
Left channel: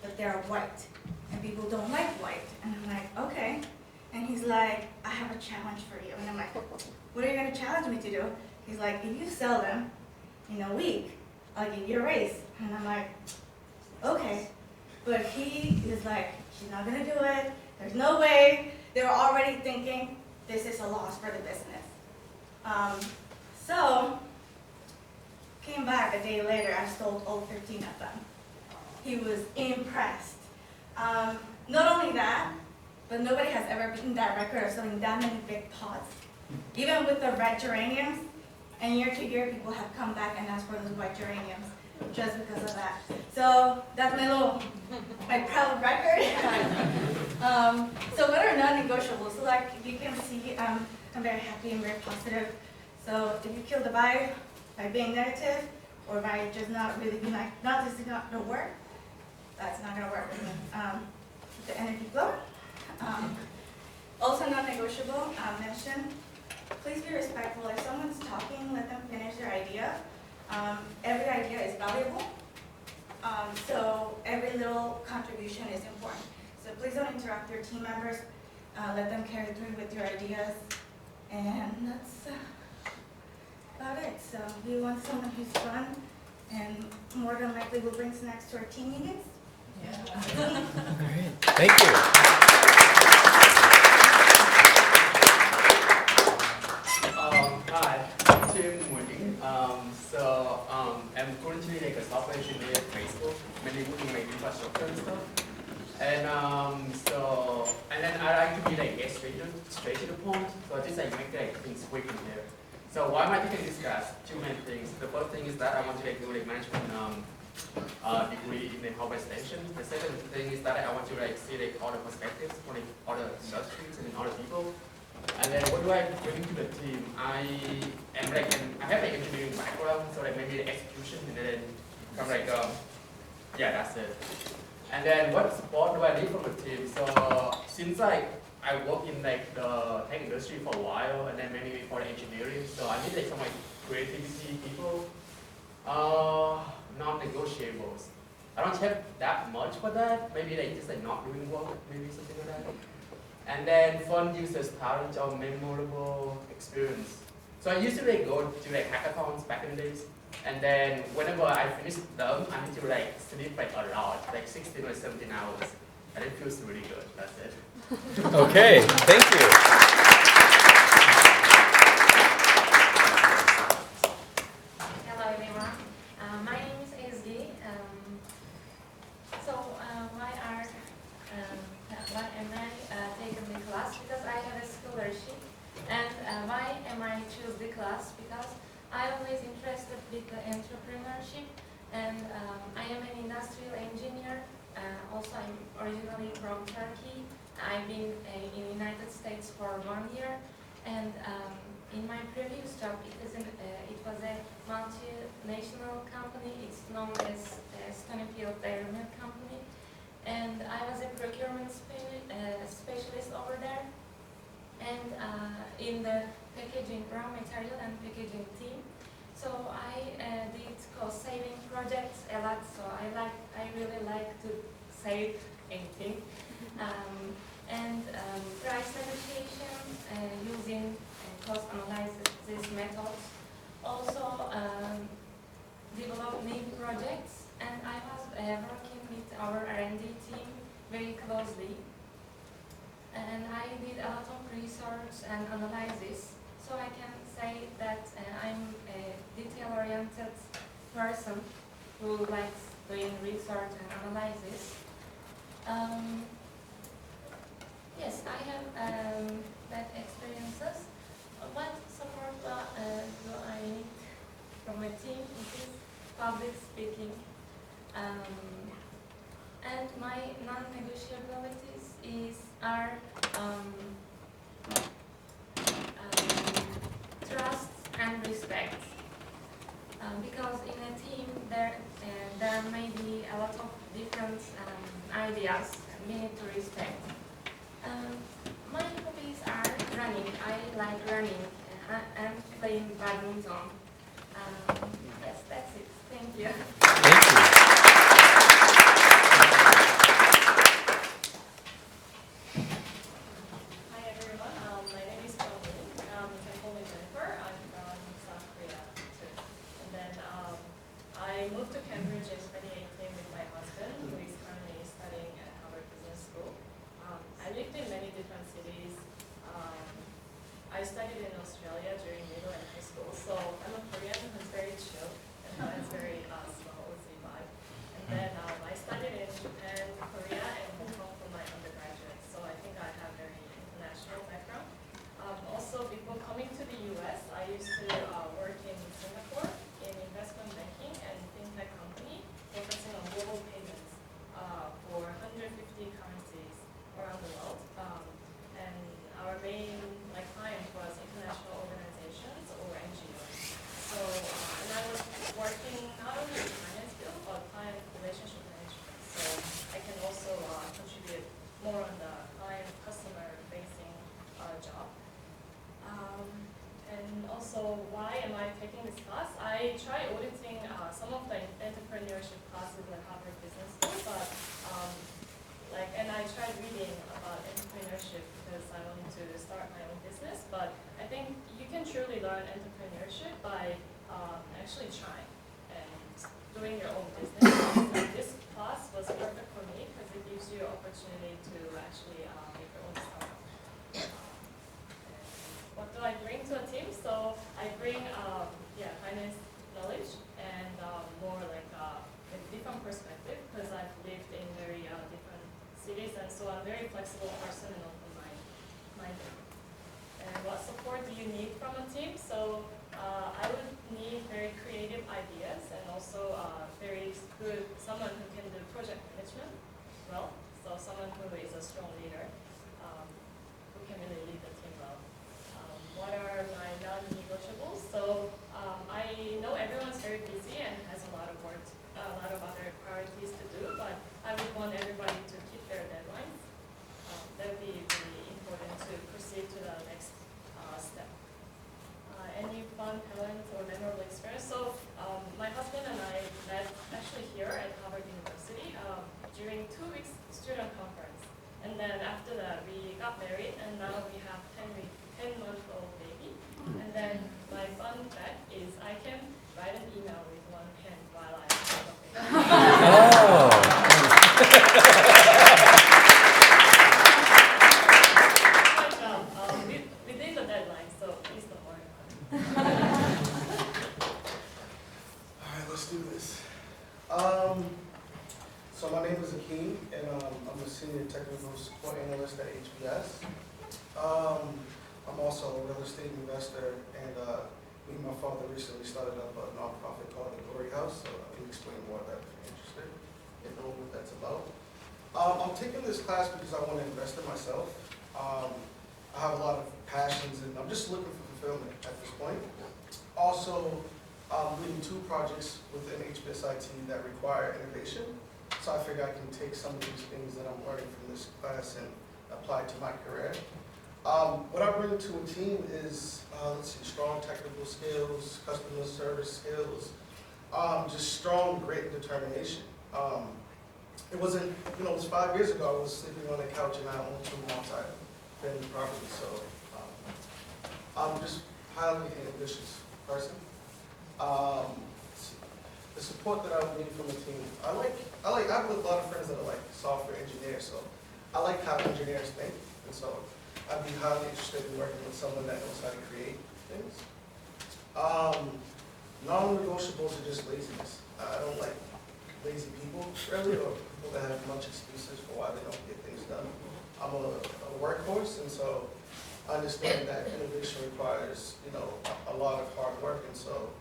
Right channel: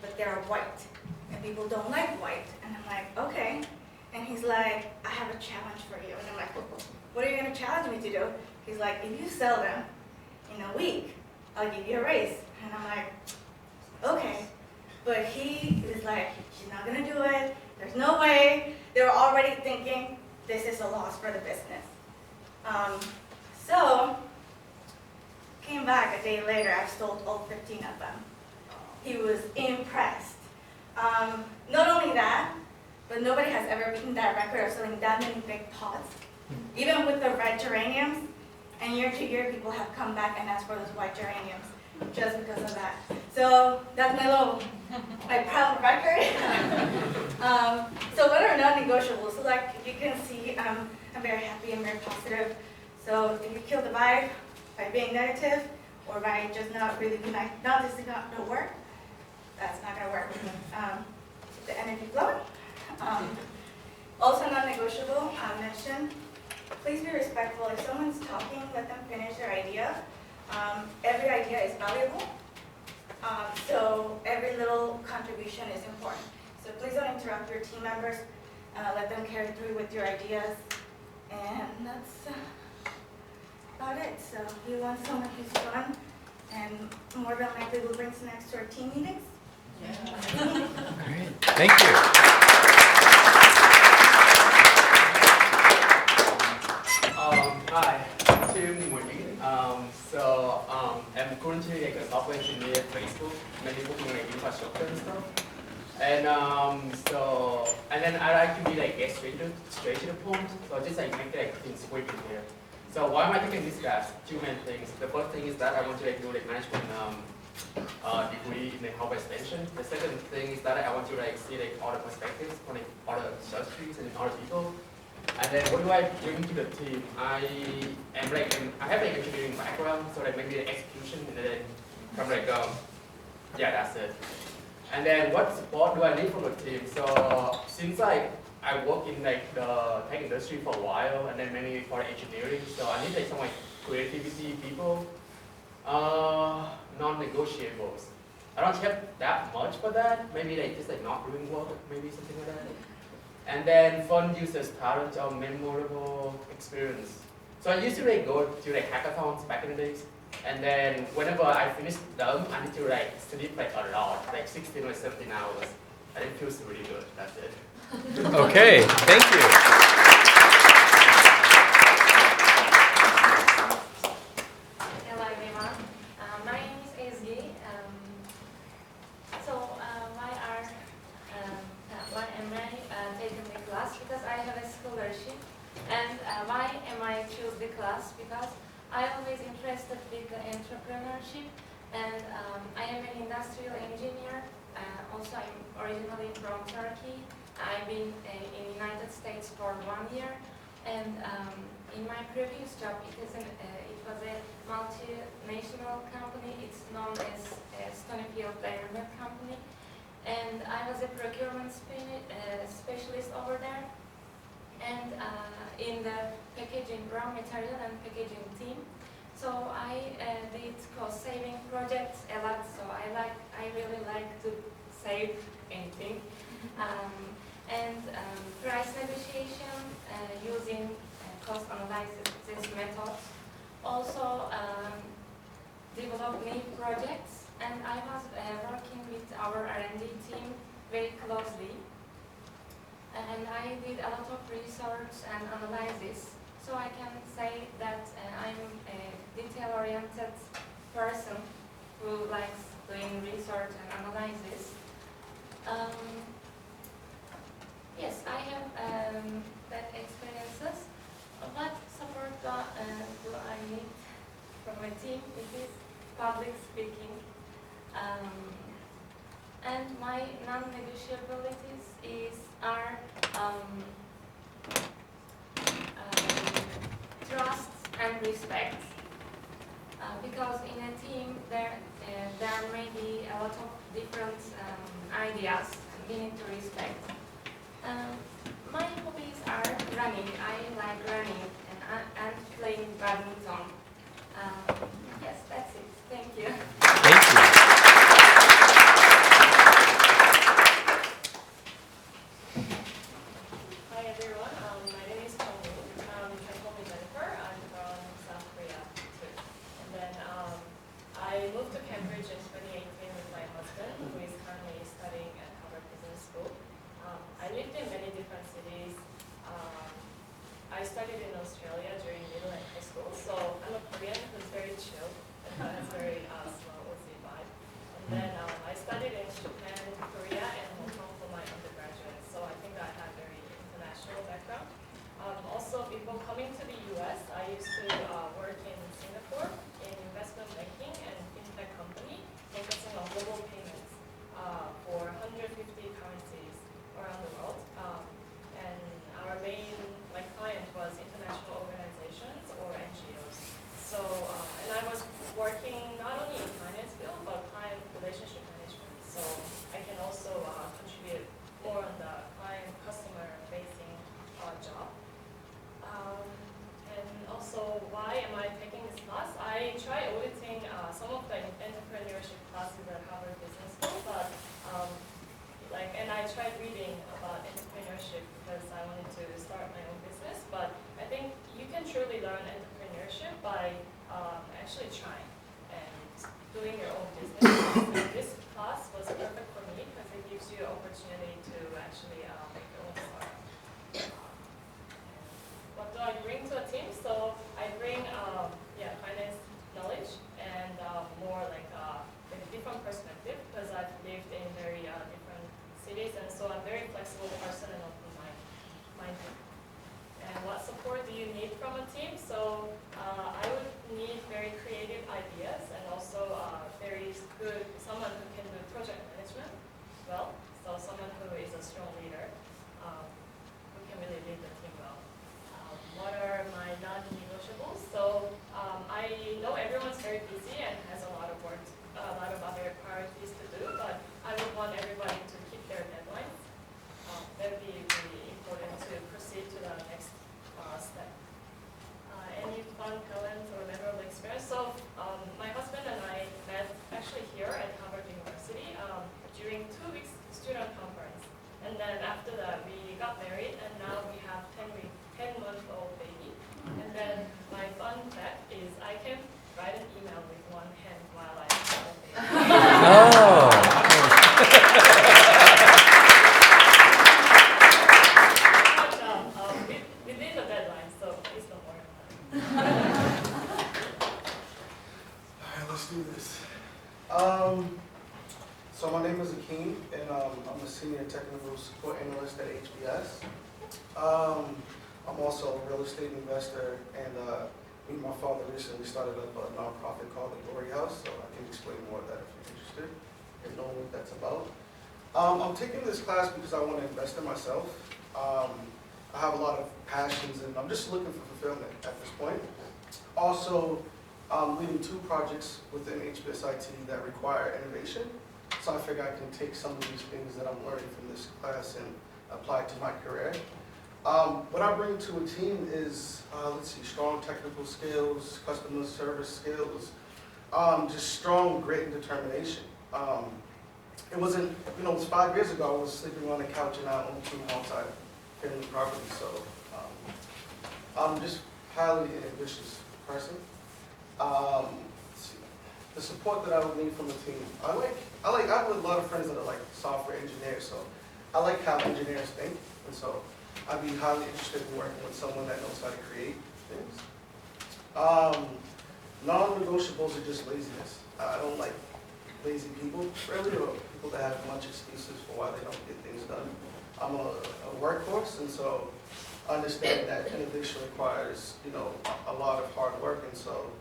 but they're white and people don't like white. And I'm like, okay. And he's like, I have a challenge for you. And I'm like, what are you gonna challenge me to do? He's like, if you sell them in a week, I'll give you a raise. And I'm like, okay. But he was like, she's not gonna do it. There's no way. They were already thinking, this is a loss for the business. So, came back a day later, I sold all 15 of them. He was impressed. Not only that, but nobody has ever beaten that record of selling that many big pots. Even with the red geraniums, and year to year, people have come back and asked for those white geraniums just because of that. So that's my proud record. So what are non-negotiables? So like you can see, I'm very happy and very positive. So if you kill the vibe by being negative, or by just not really like, not this is not gonna work, that's not gonna work with me. Keep the energy flowing. Also non-negotiable, mention, please be respectful. If someone's talking, let them finish their idea. Every idea is valuable. So every little contribution is important. So please don't interrupt your team members. Let them carry through with your ideas. And that's about it. So we want someone who's fun and more than likely will bring snacks to our team meetings. Yeah. Great. Thank you. Hi, Tim Wing. I'm currently like a software engineer at Facebook, mainly working on like infrastructure and stuff. And then I like to be like get straight to the point. So I just like make like things quick in here. So why am I taking this class? Two main things. The first thing is that I want to like do like management degree in the hardware extension. The second thing is that I want to like see like other perspectives from like other industries and other people. And then what do I bring to the team? I have like engineering background, so like maybe the execution and then kind of like yeah, that's it. And then what support do I need from the team? So since like I work in like the tech industry for a while, and then maybe for the engineering, so I need like some like creativity people. Non-negotiables. I don't have that much for that. Maybe like just like not doing work, maybe something like that. And then fun users, talent, or memorable experience. So I used to like go to like hackathons back in the days. And then whenever I finish them, I need to like sleep like a lot, like 16 or 17 hours. And it feels really good. That's it. Okay, thank you. Hello everyone. My name is Ezgi. Why am I taking the class? Because I have a scholarship. And why am I choose the class? Because I'm always interested with the entrepreneurship. And I am an industrial engineer. Also, I'm originally from Turkey. I've been in the United States for 1 year. And in my previous job, it was a multinational company. It's known as Stonyfield Dairy Milk Company. And I was a procurement specialist over there. And in the packaging, raw material and packaging team. So I did cost-saving projects a lot. So I really like to save anything. Price negotiation using cost analysis methods. Also develop new projects. And I was working with our R&D team very closely. And I did a lot of research and analysis. So I can say that I'm a detail-oriented person who likes doing research and analysis. Yes, I have that experiences. What support do I need from a team? It is public speaking. And my non-negotiabilities are trust and respect. Because in a team there may be a lot of different ideas and we need to respect. My hobbies are running. I like running and playing badminton. Yes, that's it. Thank you. Thank you. Hi everyone, my name is Tony. You can call me Jennifer. I'm from South Korea too. And then I moved to Cambridge in 2018 with my husband, who is currently studying at Harvard Business School. I lived in many different cities. I studied in Australia during middle and high school, so I'm a Korean who's very chill and has very slow OC vibe. And then I studied in Japan, Korea, and Hong Kong for my undergraduate, so I think I have very international background. Also, before coming to the US, I used to work in Singapore in investment banking and fintech company, focusing on global payments for 150 currencies around the world. And our main client was international organizations or NGOs. So, and I was working not only in finance field, but client relationship management. So I can also contribute more on the client customer facing job. And also, why am I taking this class? I tried auditing some of the entrepreneurship classes at Harvard Business School, but and I tried reading about entrepreneurship because I wanted to start my own business. But I think you can truly learn entrepreneurship by actually trying and doing your own business. And this class was perfect for me because it gives you an opportunity to actually make your own startup. What do I bring to a team? So I bring finance knowledge and more with different perspective because I've lived in very different cities, and so I'm a very flexible person and open-minded. And what support do you need from a team? So I would need very creative ideas and also very good, someone who can do project management well. So someone who is a strong leader who can really lead the team well. What are my non-negotiables? So I know everyone's very busy and has a lot of work, a lot of other priorities to do, but I would want everybody to keep their deadlines. That would be really important to proceed to the next step. Any fun, talent, or memorable experience? So my husband and I met actually here at Harvard University during 2 weeks student conference. And then after that, we got married, and now we have 10-month-old baby. And then my fun fact is I can write an email with one hand while I have a baby. Good job. Within the deadline, so please don't worry about it. All right, let's do this. So my name is Akeem, and I'm a senior technical support analyst at HBS. I'm also a real estate investor, and me and my father recently started up a nonprofit called the Glory House, so I can explain more of that if you're interested in knowing what that's about. I'm taking this class because I want to invest in myself. I have a lot of passions, and I'm just looking for fulfillment at this point. Also, I'm leading 2 projects within HBS IT that require innovation. So I figure I can take some of these things that I'm learning from this class and apply it to my career. What I bring to a team is, strong technical skills, customer service skills, just strong grit and determination. It wasn't, it was 5 years ago I was sleeping on a couch and I owned 2 multi-family properties. So I'm just highly ambitious person. The support that I would need from a team. I have a lot of friends that are software engineers, so I like how engineers think, and so I'd be highly interested in working with someone that knows how to create things. Non-negotiables are just laziness. I don't like lazy people, really, or people that have much excuses for why they don't get things done. I'm a workhorse, and so I understand that innovation requires, a lot of hard work, and so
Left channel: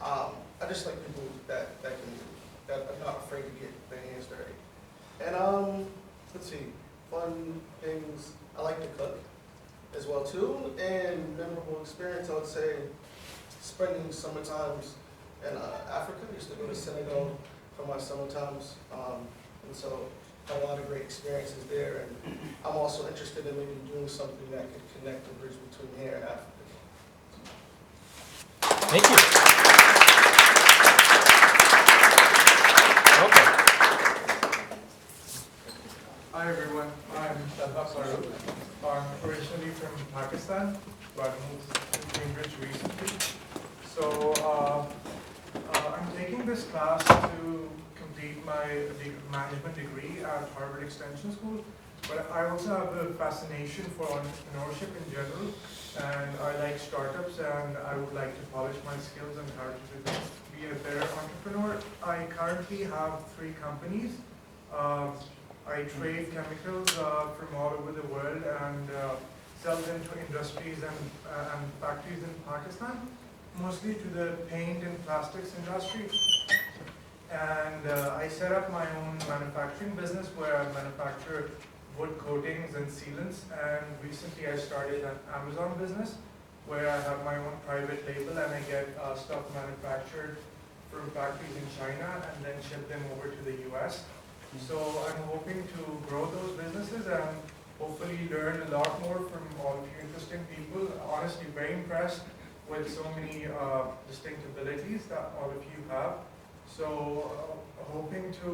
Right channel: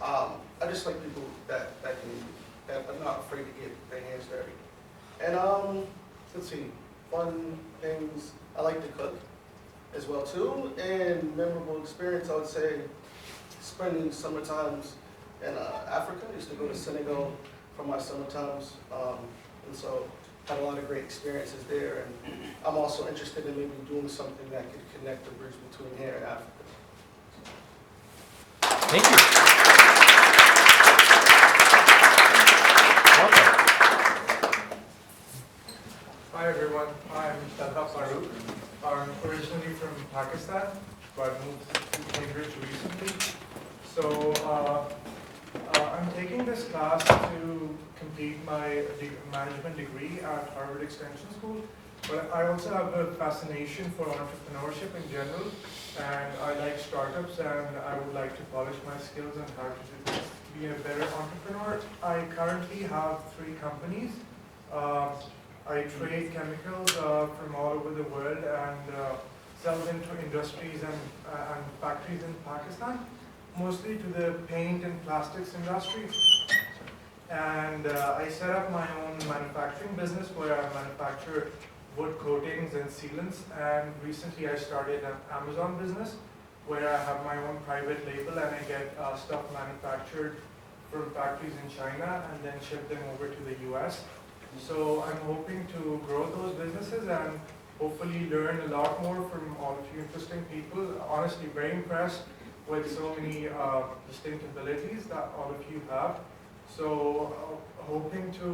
I just like people that are not afraid to get their hands dirty. And fun things. I like to cook as well too, and memorable experience. I would say spending summer times in Africa. I used to go to Senegal for my summer times, and so had a lot of great experiences there. And I'm also interested in maybe doing something that could connect the bridge between here and Africa. Thank you. Welcome. Hi everyone, I'm Talha Farooq. I'm originally from Pakistan, but moved to Cambridge recently. So I'm taking this class to complete my management degree at Harvard Extension School. but I also have a fascination for entrepreneurship in general, and I like startups, and I would like to polish my skills on how to be a better entrepreneur. I currently have 3 companies. I trade chemicals from all over the world and sell them to industries and factories in Pakistan, mostly to the paint and plastics industry. And I set up my own manufacturing business where I manufacture wood coatings and sealants. And recently I started an Amazon business where I have my own private label and I get stuff manufactured from factories in China and then ship them over to the US. So I'm hoping to grow those businesses and hopefully learn a lot more from all of you interesting people. Honestly, very impressed with so many distinct abilities that all of you have. So hoping to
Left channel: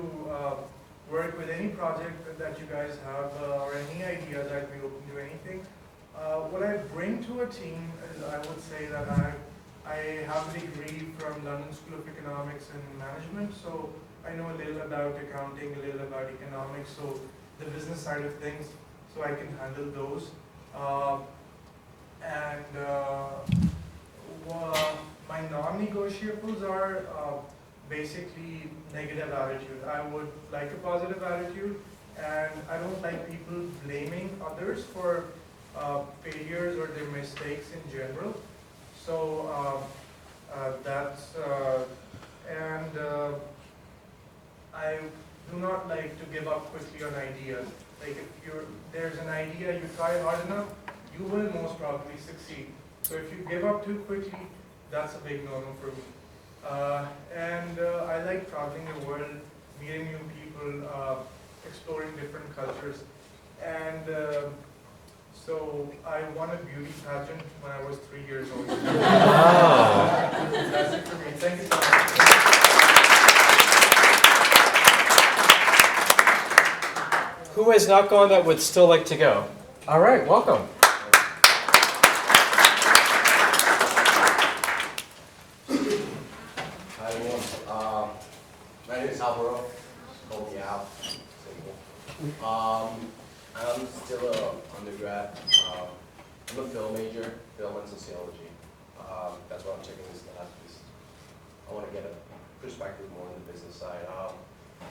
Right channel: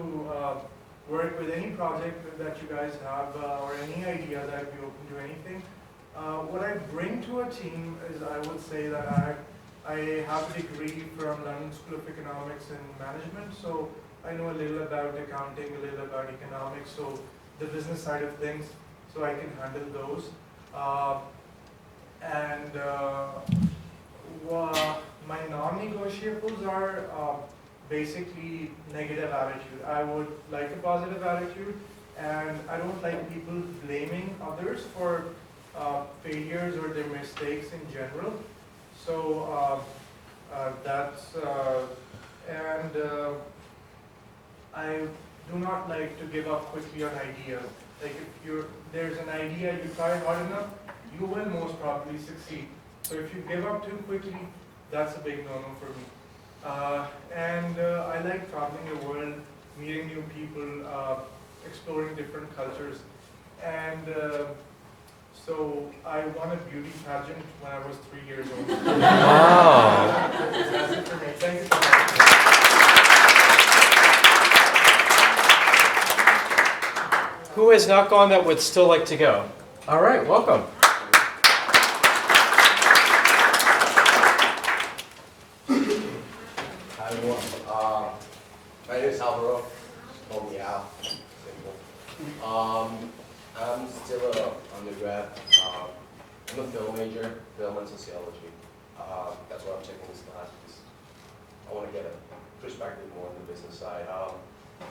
work with any project that you guys have or any ideas. I'd be open to anything. What I bring to a team is I would say that I have a degree from London School of Economics and Management, so I know a little about accounting, a little about economics, so the business side of things, so I can handle those. My non-negotiables are basically negative attitude. I would like a positive attitude, and I don't like people blaming others for failures or their mistakes in general. So I do not like to give up quickly on ideas. Like if there's an idea, you try hard enough, you will most probably succeed. So if you give up too quickly, that's a big no-no for me. I like traveling the world, meeting new people, exploring different cultures. And so I won a beauty pageant when I was 3 years old. Wow. That's it for me. Thank you so much. Who has not gone that would still like to go? All right, welcome. Hi everyone. My name is Alvaro. Call me Al. Simple. I'm still an undergrad. I'm a film major, film and sociology. That's why I'm taking this class because I want to get a perspective more on the business side.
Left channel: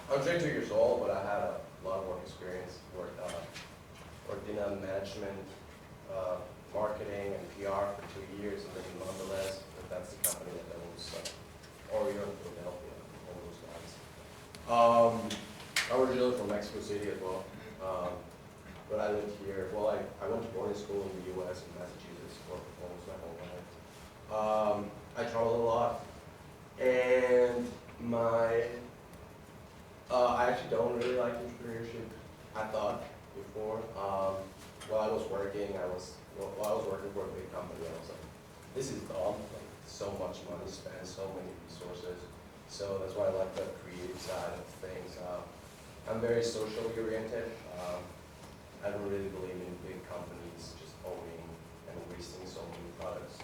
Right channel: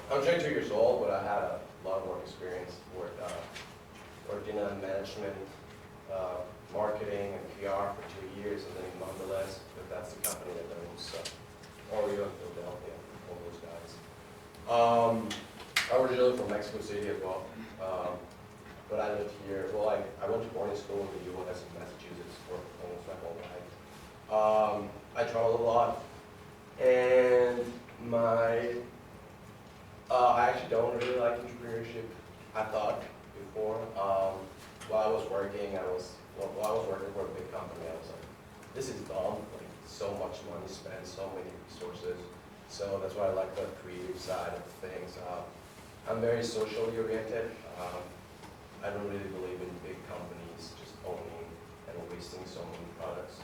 I'm 22 years old, but I had a lot of work experience. Worked in management, marketing, and PR for 2 years, and then in Mondelez, that's the company that owns Oreo in Philadelphia, all those guys. I'm originally from Mexico City as well, but I lived here. Well, I went to boarding school in the U.S. in Massachusetts for almost my whole life. I traveled a lot, and I actually don't really like entrepreneurship. I thought before, while I was working, while I was working for a big company, I was like, this is dumb. Like, so much money spent, so many resources. So that's why I like the creative side of things. I'm very socially oriented. I don't really believe in big companies just owning and wasting so many products.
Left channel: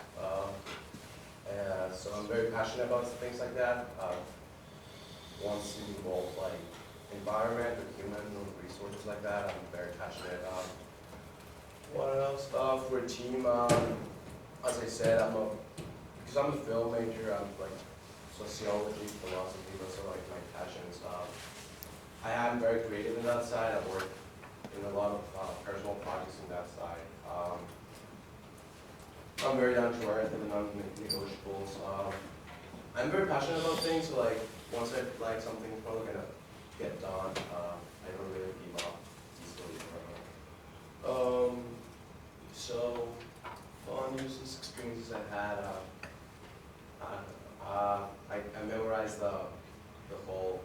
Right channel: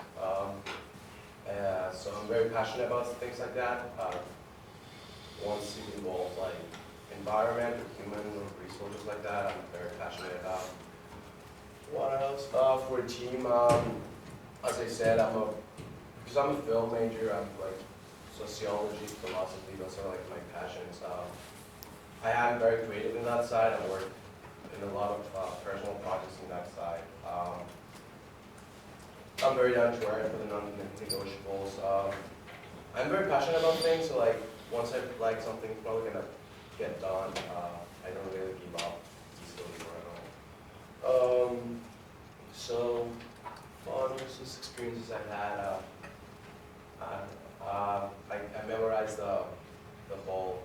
So I'm very passionate about things like that. Once it involves like environment or human or resources like that, I'm very passionate. What else? For a team, as I said, because I'm a film major, I'm like sociology, philosophy, those are like my passions. I am very creative in that side. I work in a lot of personal projects in that side. I'm very down to earth for the non-negotiables. I'm very passionate about things, so like once I like something, it's probably gonna get done. I don't really give up easily forever. So fun useless experiences I had. I memorized the whole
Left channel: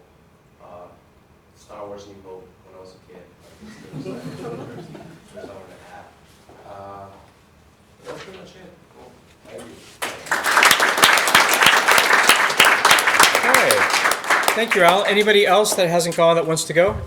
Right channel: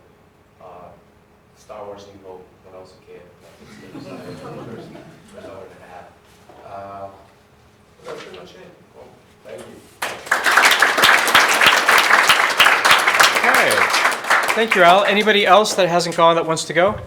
Star Wars New Hope when I was a kid. Like, the first hour and a half. But that's pretty much it. Cool. Thank you. Okay. Thank you, Al. Anybody else that hasn't gone that wants to go?